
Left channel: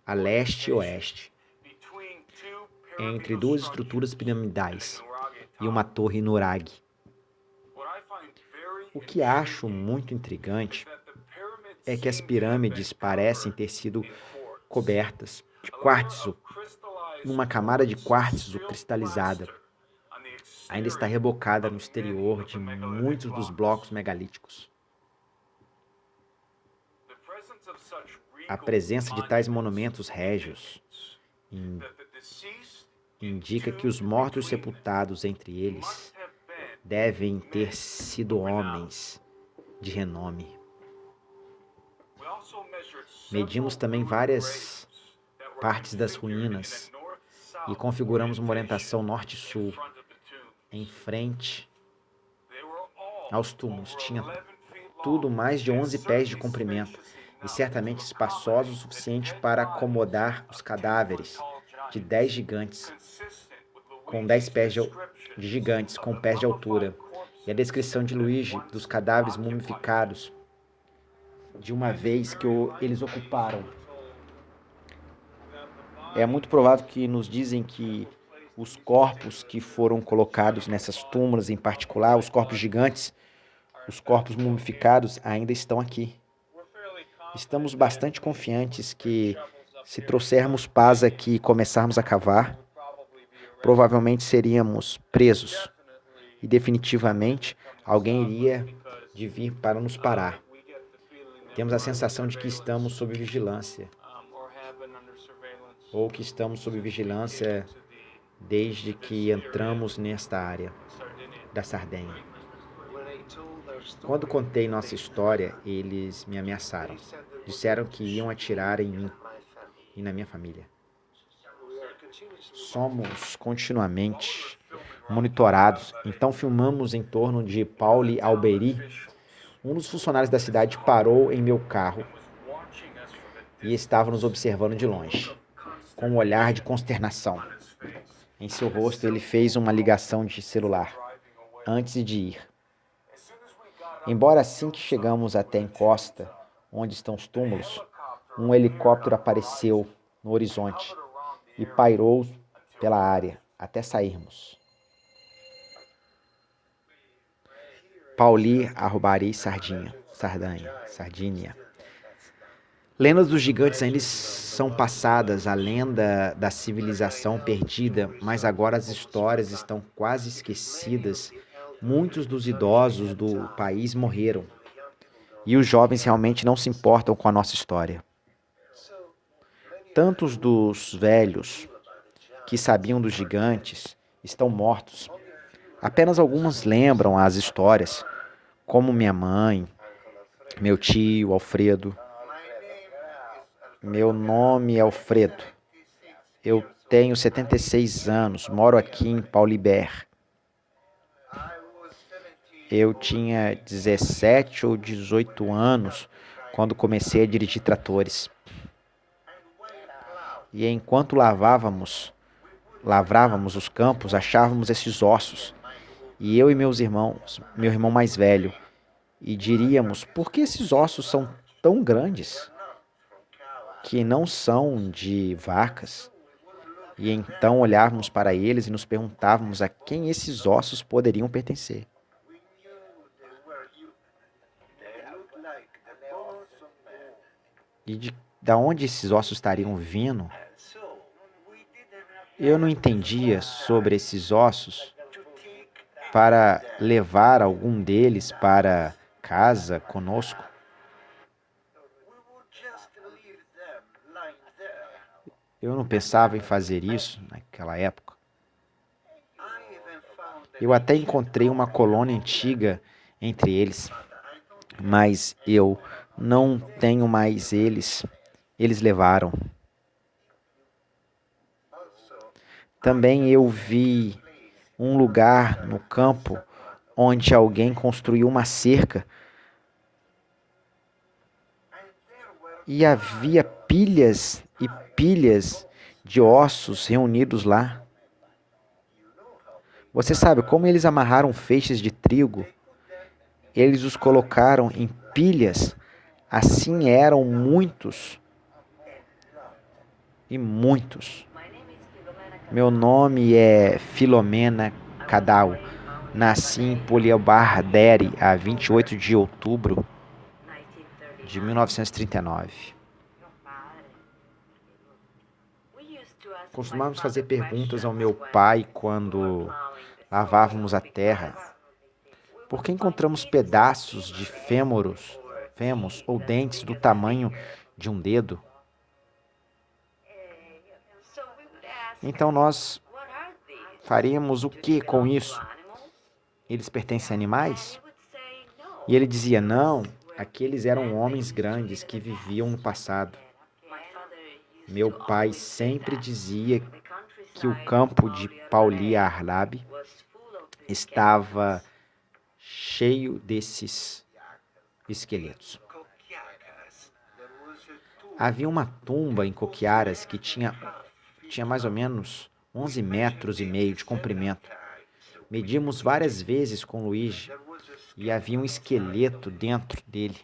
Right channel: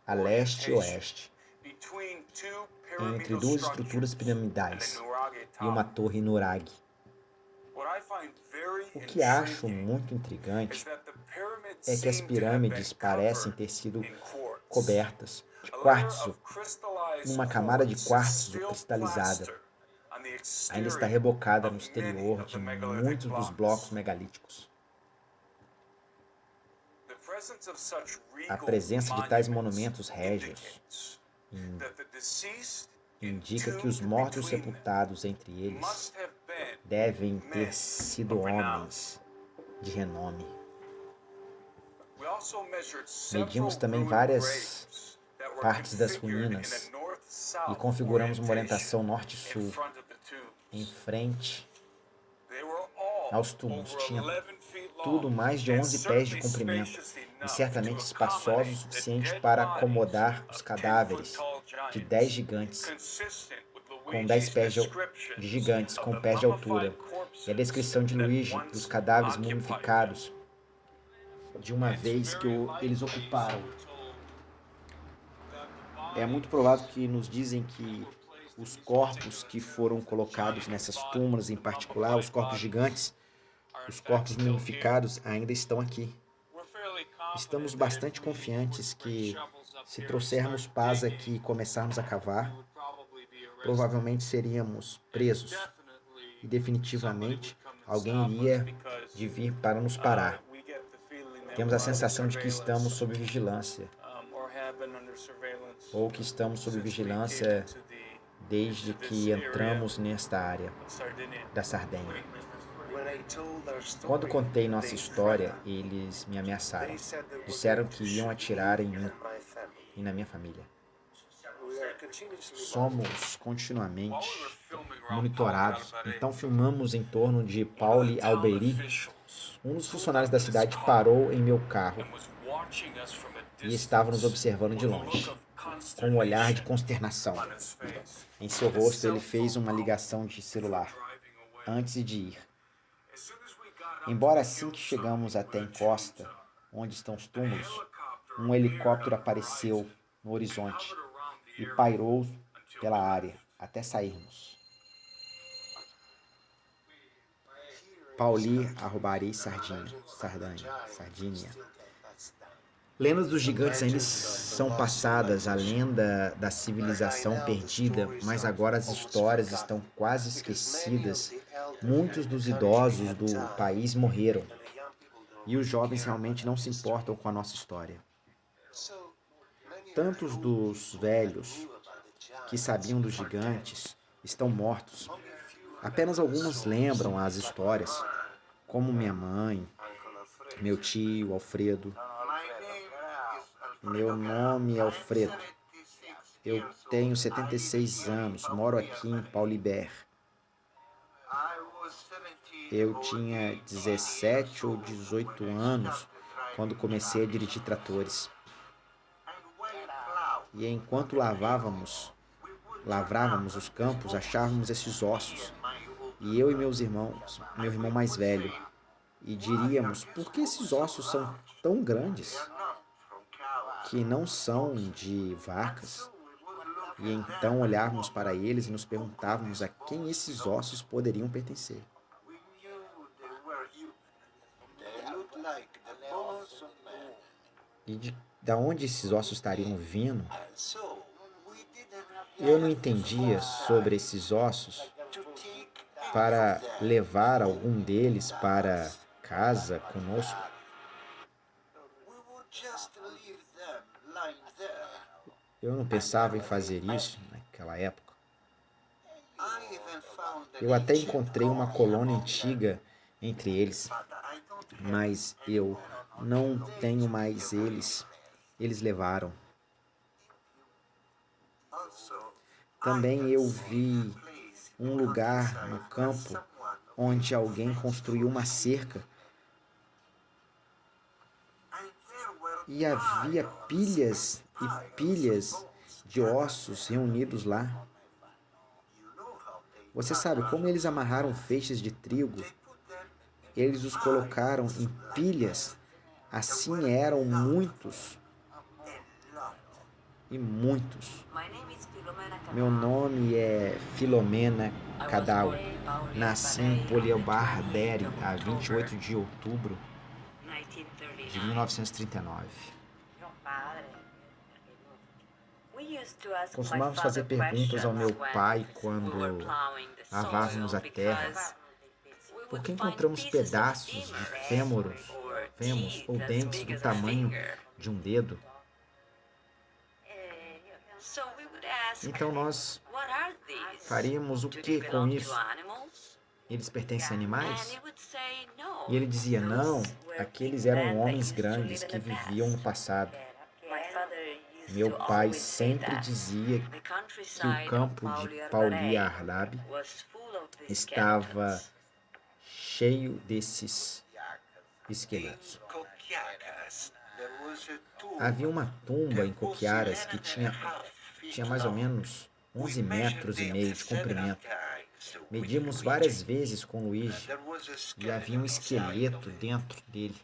a leste e oeste, entre 2 estruturas piramidais e uma torre Nurag. O que acho muito intrigante é que as pirâmides parecem ter sido cobertas de quartzo, numa camada de quartzo cristalizada. Ainda está rebocada no exterior de muitos dos blocos megalíticos. A presença de tais monumentos régios indica que os mortos sepultados entre eles devem ter sido homens de renome. Medimos também várias partes das ruínas e configuramos uma orientação norte-sul em frente aos túmulos. Tinha tudo mais de 11 pés de comprimento e certamente espaçoso o suficiente para acomodar os cadáveres de 10 gigantes, com 10 pés de gigantes com pés de altura. E a descrição de Luigi dos cadáveres mumificados de uma vez que eles ocuparam. É muito provável que nos dizem que os corpos que foram colocados nessas túmulas, em particular, os corpos gigantes, os corpos mumificados, ainda estão aqui. Estamos bastante confiantes que, se trouxermos paz aqui e começarmos a cavar, provavelmente seríamos presos. E definitivamente alguém iria de vir para nos parar. Temos a sensação de que estamos sob vigilância, ou que estamos sob vigilância desde que entramos nesta área da Sardenha. Quando contei nossa história, eles me ameaçaram. Disseram que iam atirar em mim e na minha família. Somos continuamente monitorados, então filmamos em torno de Pauli Alberi. Um dos funcionários da cidade parou em meu carro e estava nos observando de longe, com um olhar de consternação. Em seu rosto, ele fez uma ligação de celular antes de ir. Embora assim que chegamos até a encosta, onde estão os túmulos, um helicóptero apareceu no horizonte e pairou pela área até sairmos. Pauli Arbari Sardinha. Lendas dos gigantes ainda são passadas, a lenda da civilização perdida, mas agora as histórias estão quase esquecidas. Muitos dos idosos do país morreram e os jovens realmente não se importam com a nossa história. Tantos dos velhos que sabiam dos gigantes estão mortos. Apenas alguns lembram as histórias, como minha mãe, meu tio, Alfredo. Meu nome é Alfredo. Eu tenho 76 anos, moro aqui em Paulibert. Eu tinha 17 ou 18 anos quando comecei a dirigir tratores. E enquanto lavrávamos os campos, achávamos esses ossos. E eu e meu irmão mais velho, e diríamos: por que esses ossos são tão grandes que não são de vacas? E então olhávamos para eles e nos perguntávamos a quem esses ossos poderiam pertencer. E da onde esses ossos estariam vindo? Eu não entendia sobre esses ossos para levar algum deles para casa conosco. Eu não pensava em fazer isso naquela época. Eu até encontrei uma colônia antiga entre eles, mas eu não tenho mais eles. Eles levaram. Também eu vi um lugar no campo onde alguém construiu uma cerca e havia pilhas e pilhas de ossos reunidos lá. Você sabe como eles amarraram feixes de trigo? Eles os colocaram em pilhas. Assim eram muitos e muitos. Meu nome é Filomena Cadal. Nasci em Poliobardere, a 28 de outubro de 1939. Costumávamos fazer perguntas ao meu pai quando lavávamos a terra. Por que encontramos pedaços de fêmurs ou dentes do tamanho de um dedo? Então nós faríamos o que com isso? Eles pertencem a animais? E ele dizia: não, aqueles eram homens grandes que viviam no passado. Meu pai sempre dizia que o campo de Pauli Arlab estava cheio desses esqueletos. Havia uma tumba em Coquiaras que tinha mais ou menos 11 metros e meio de comprimento. Medimos várias vezes com Luigi e havia um esqueleto dentro dele.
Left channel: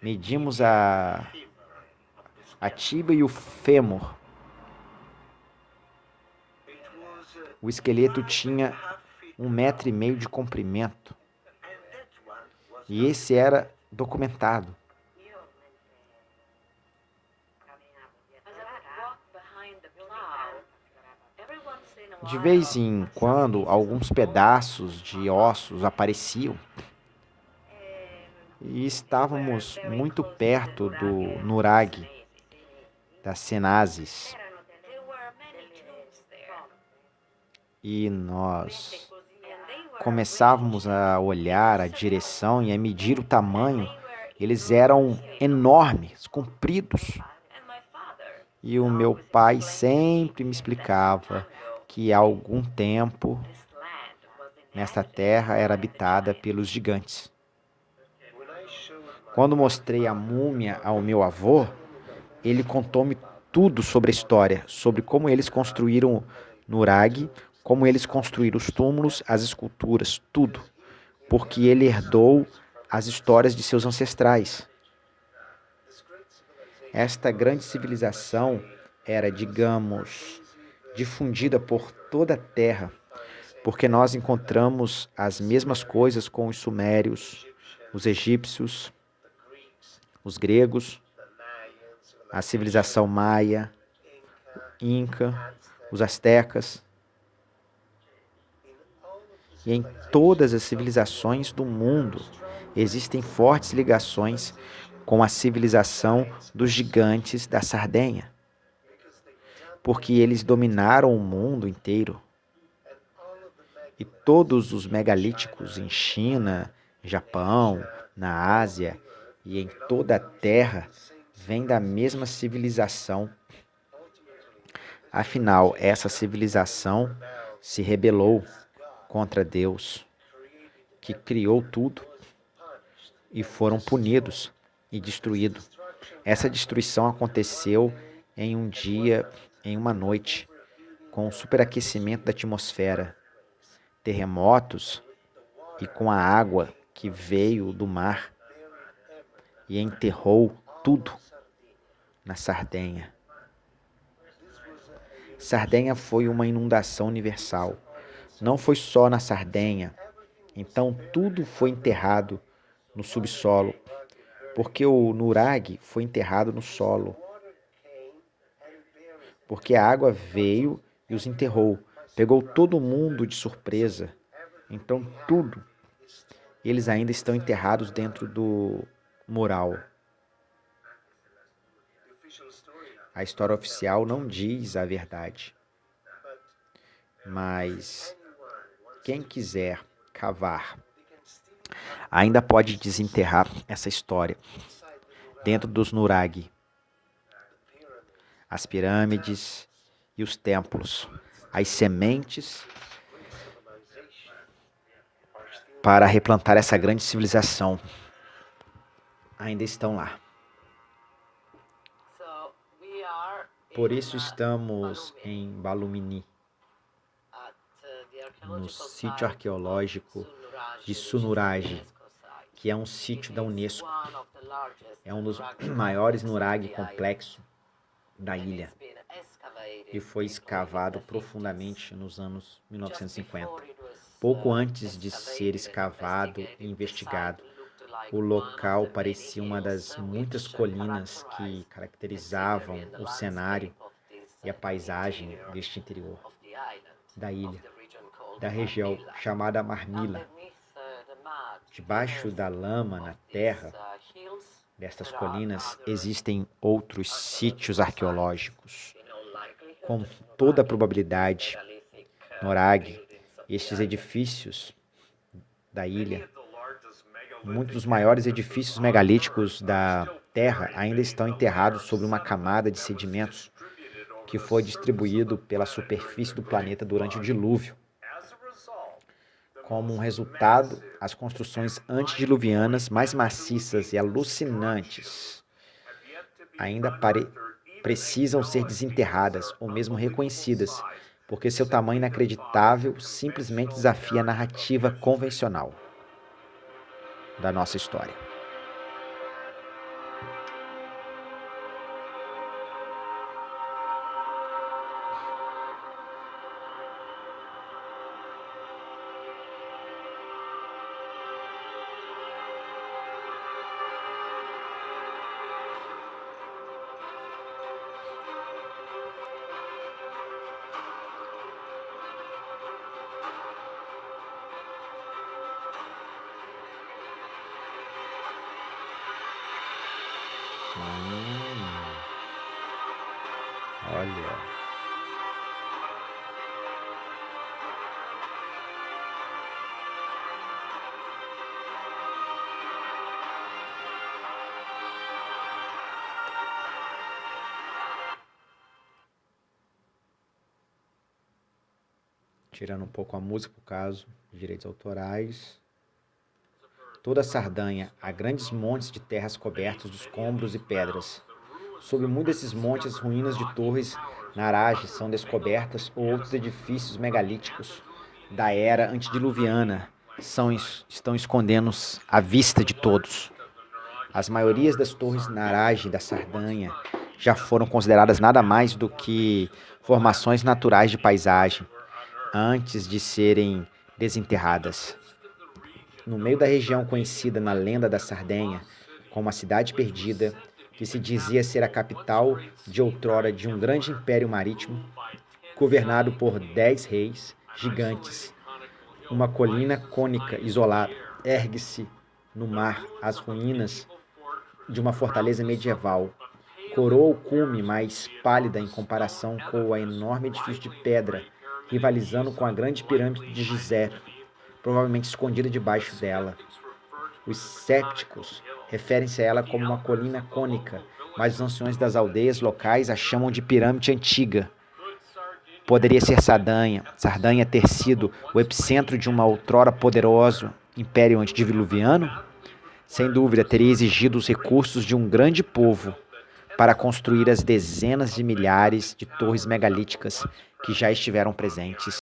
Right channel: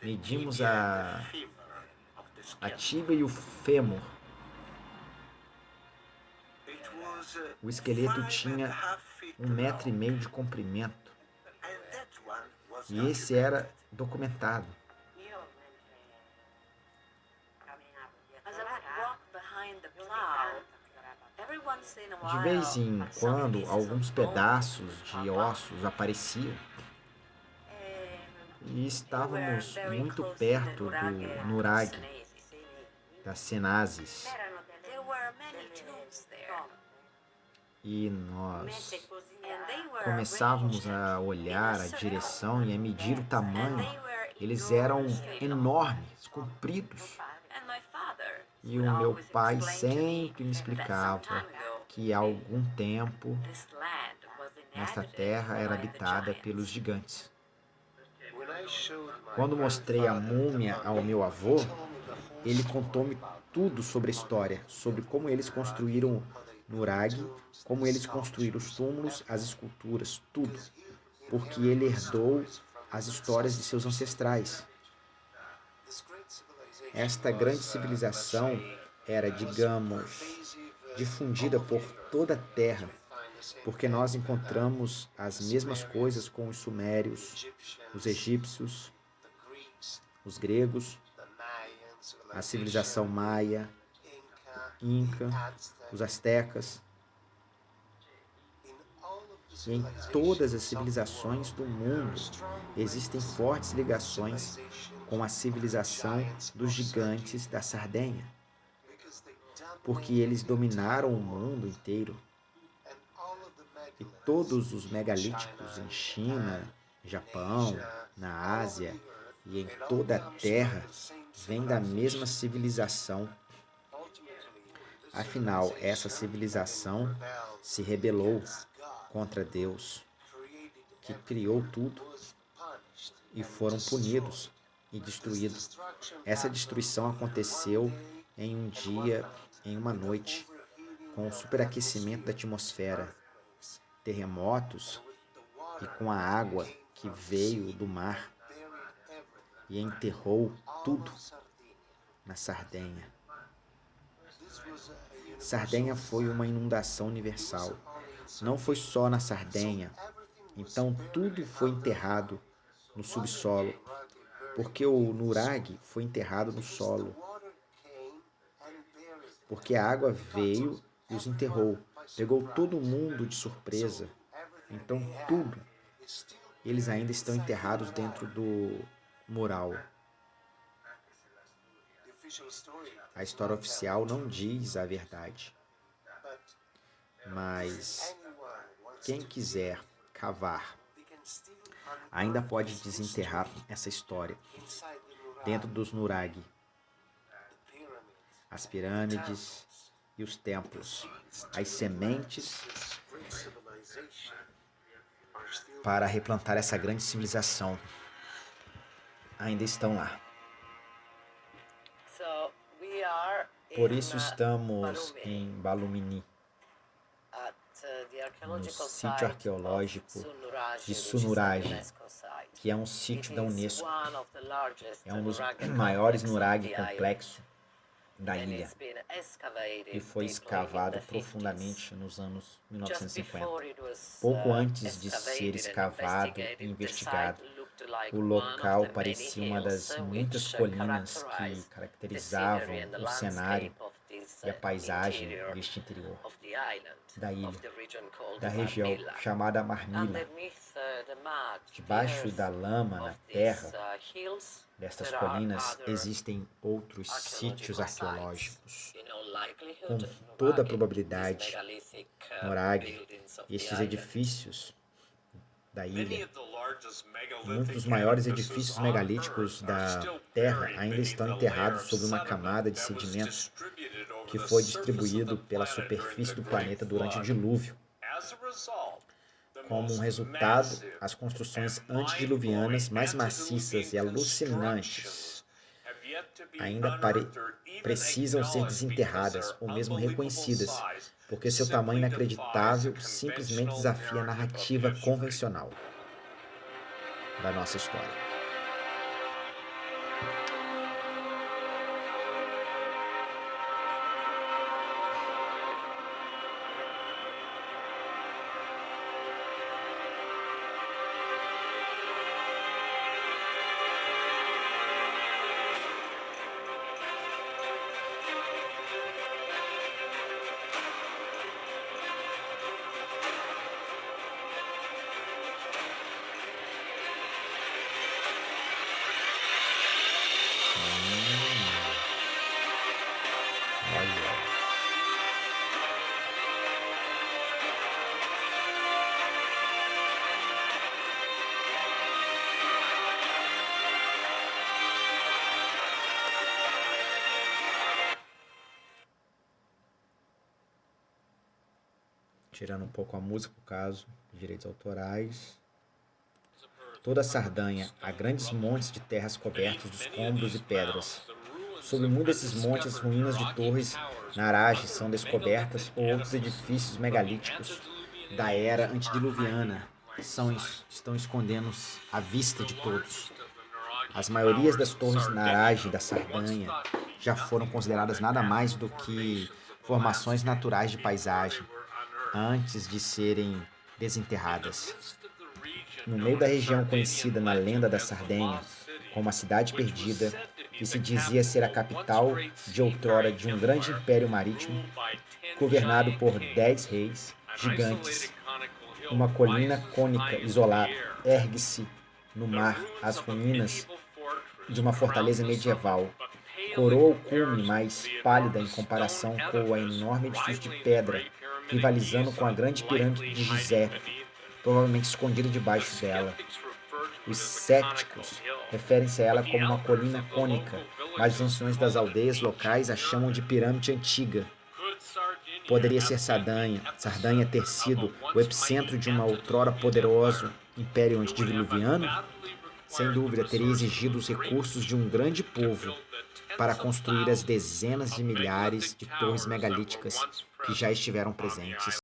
Medimos a tíbia e o fêmur. O esqueleto tinha 1,5 metros de comprimento. E esse era documentado. De vez em quando, alguns pedaços de ossos apareciam. E estávamos muito perto do nurag, das Cenazes. E nós começávamos a olhar a direção e a medir o tamanho. Eles eram enormes, compridos. E o meu pai sempre me explicava que há algum tempo nesta terra era habitada pelos gigantes. Quando mostrei a múmia ao meu avô, ele contou-me tudo sobre a história, sobre como eles construíram nurag, como eles construíram os túmulos, as esculturas, tudo, porque ele herdou as histórias de seus ancestrais. Esta grande civilização era, digamos, difundida por toda a terra, porque nós encontramos as mesmas coisas com os sumérios, os egípcios, os gregos, a civilização maia, inca, os astecas. E em todas as civilizações do mundo existem fortes ligações com a civilização dos gigantes da Sardenha, porque eles dominaram o mundo inteiro. E todos os megalíticos em China, Japão, na Ásia e em toda a Terra vêm da mesma civilização. Afinal, essa civilização se rebelou contra Deus, que criou tudo, e foram punidos e destruídos. Essa destruição aconteceu em um dia, em uma noite, com o superaquecimento da atmosfera, terremotos e com a água que veio do mar e enterrou tudo na Sardenha. Sardenha foi uma inundação universal. Não foi só na Sardenha. Então tudo foi enterrado no subsolo, porque o nurag foi enterrado no solo. Porque a água veio e os enterrou. Pegou todo mundo de surpresa. Então tudo. Eles ainda estão enterrados dentro do mural. A história oficial não diz a verdade. Mas quem quiser cavar ainda pode desenterrar essa história dentro dos nurag, as pirâmides e os templos, as sementes para replantar essa grande civilização ainda estão lá. Por isso estamos em Balumini, no sítio arqueológico de Sunuraj, que é um sítio da Unesco. É um dos maiores nurag complexos da ilha e foi escavado profundamente nos anos 1950. Pouco antes de ser escavado e investigado, o local parecia uma das muitas colinas que caracterizavam o cenário e a paisagem deste interior da ilha, da região chamada Marmila. Debaixo da lama, na terra destas colinas, existem outros sítios arqueológicos. Com toda a probabilidade, Nurag, estes edifícios da ilha, muitos dos maiores edifícios megalíticos da Terra ainda estão enterrados sob uma camada de sedimentos que foi distribuído pela superfície do planeta durante o dilúvio. Como um resultado, as construções antediluvianas mais maciças e alucinantes ainda precisam ser desenterradas ou mesmo reconhecidas, porque seu tamanho inacreditável simplesmente desafia a narrativa convencional da nossa história. Olha. Tirando um pouco a música, por caso de direitos autorais. Toda a Sardanha há grandes montes de terras cobertos de escombros e pedras. Sob um desses montes, ruínas de torres narages são descobertas ou outros edifícios megalíticos da era antediluviana estão escondendo à vista de todos. As maiorias das torres narage da Sardanha já foram consideradas nada mais do que formações naturais de paisagem antes de serem desenterradas. No meio da região conhecida na lenda da Sardenha como a Cidade Perdida, que se dizia ser a capital de outrora de um grande império marítimo, governado por 10 reis gigantes, uma colina cônica isolada ergue-se no mar as ruínas de uma fortaleza medieval. Coroa o cume mais pálida em comparação com o enorme edifício de pedra, rivalizando com a grande pirâmide de Gizé, provavelmente escondida debaixo dela. Os céticos referem-se a ela como uma colina cônica, mas os anciões das aldeias locais a chamam de pirâmide antiga. Poderia ser Sardanha ter sido o epicentro de um outrora poderoso império antediluviano? Sem dúvida, teria exigido os recursos de um grande povo para construir as dezenas de milhares de torres megalíticas que já estiveram presentes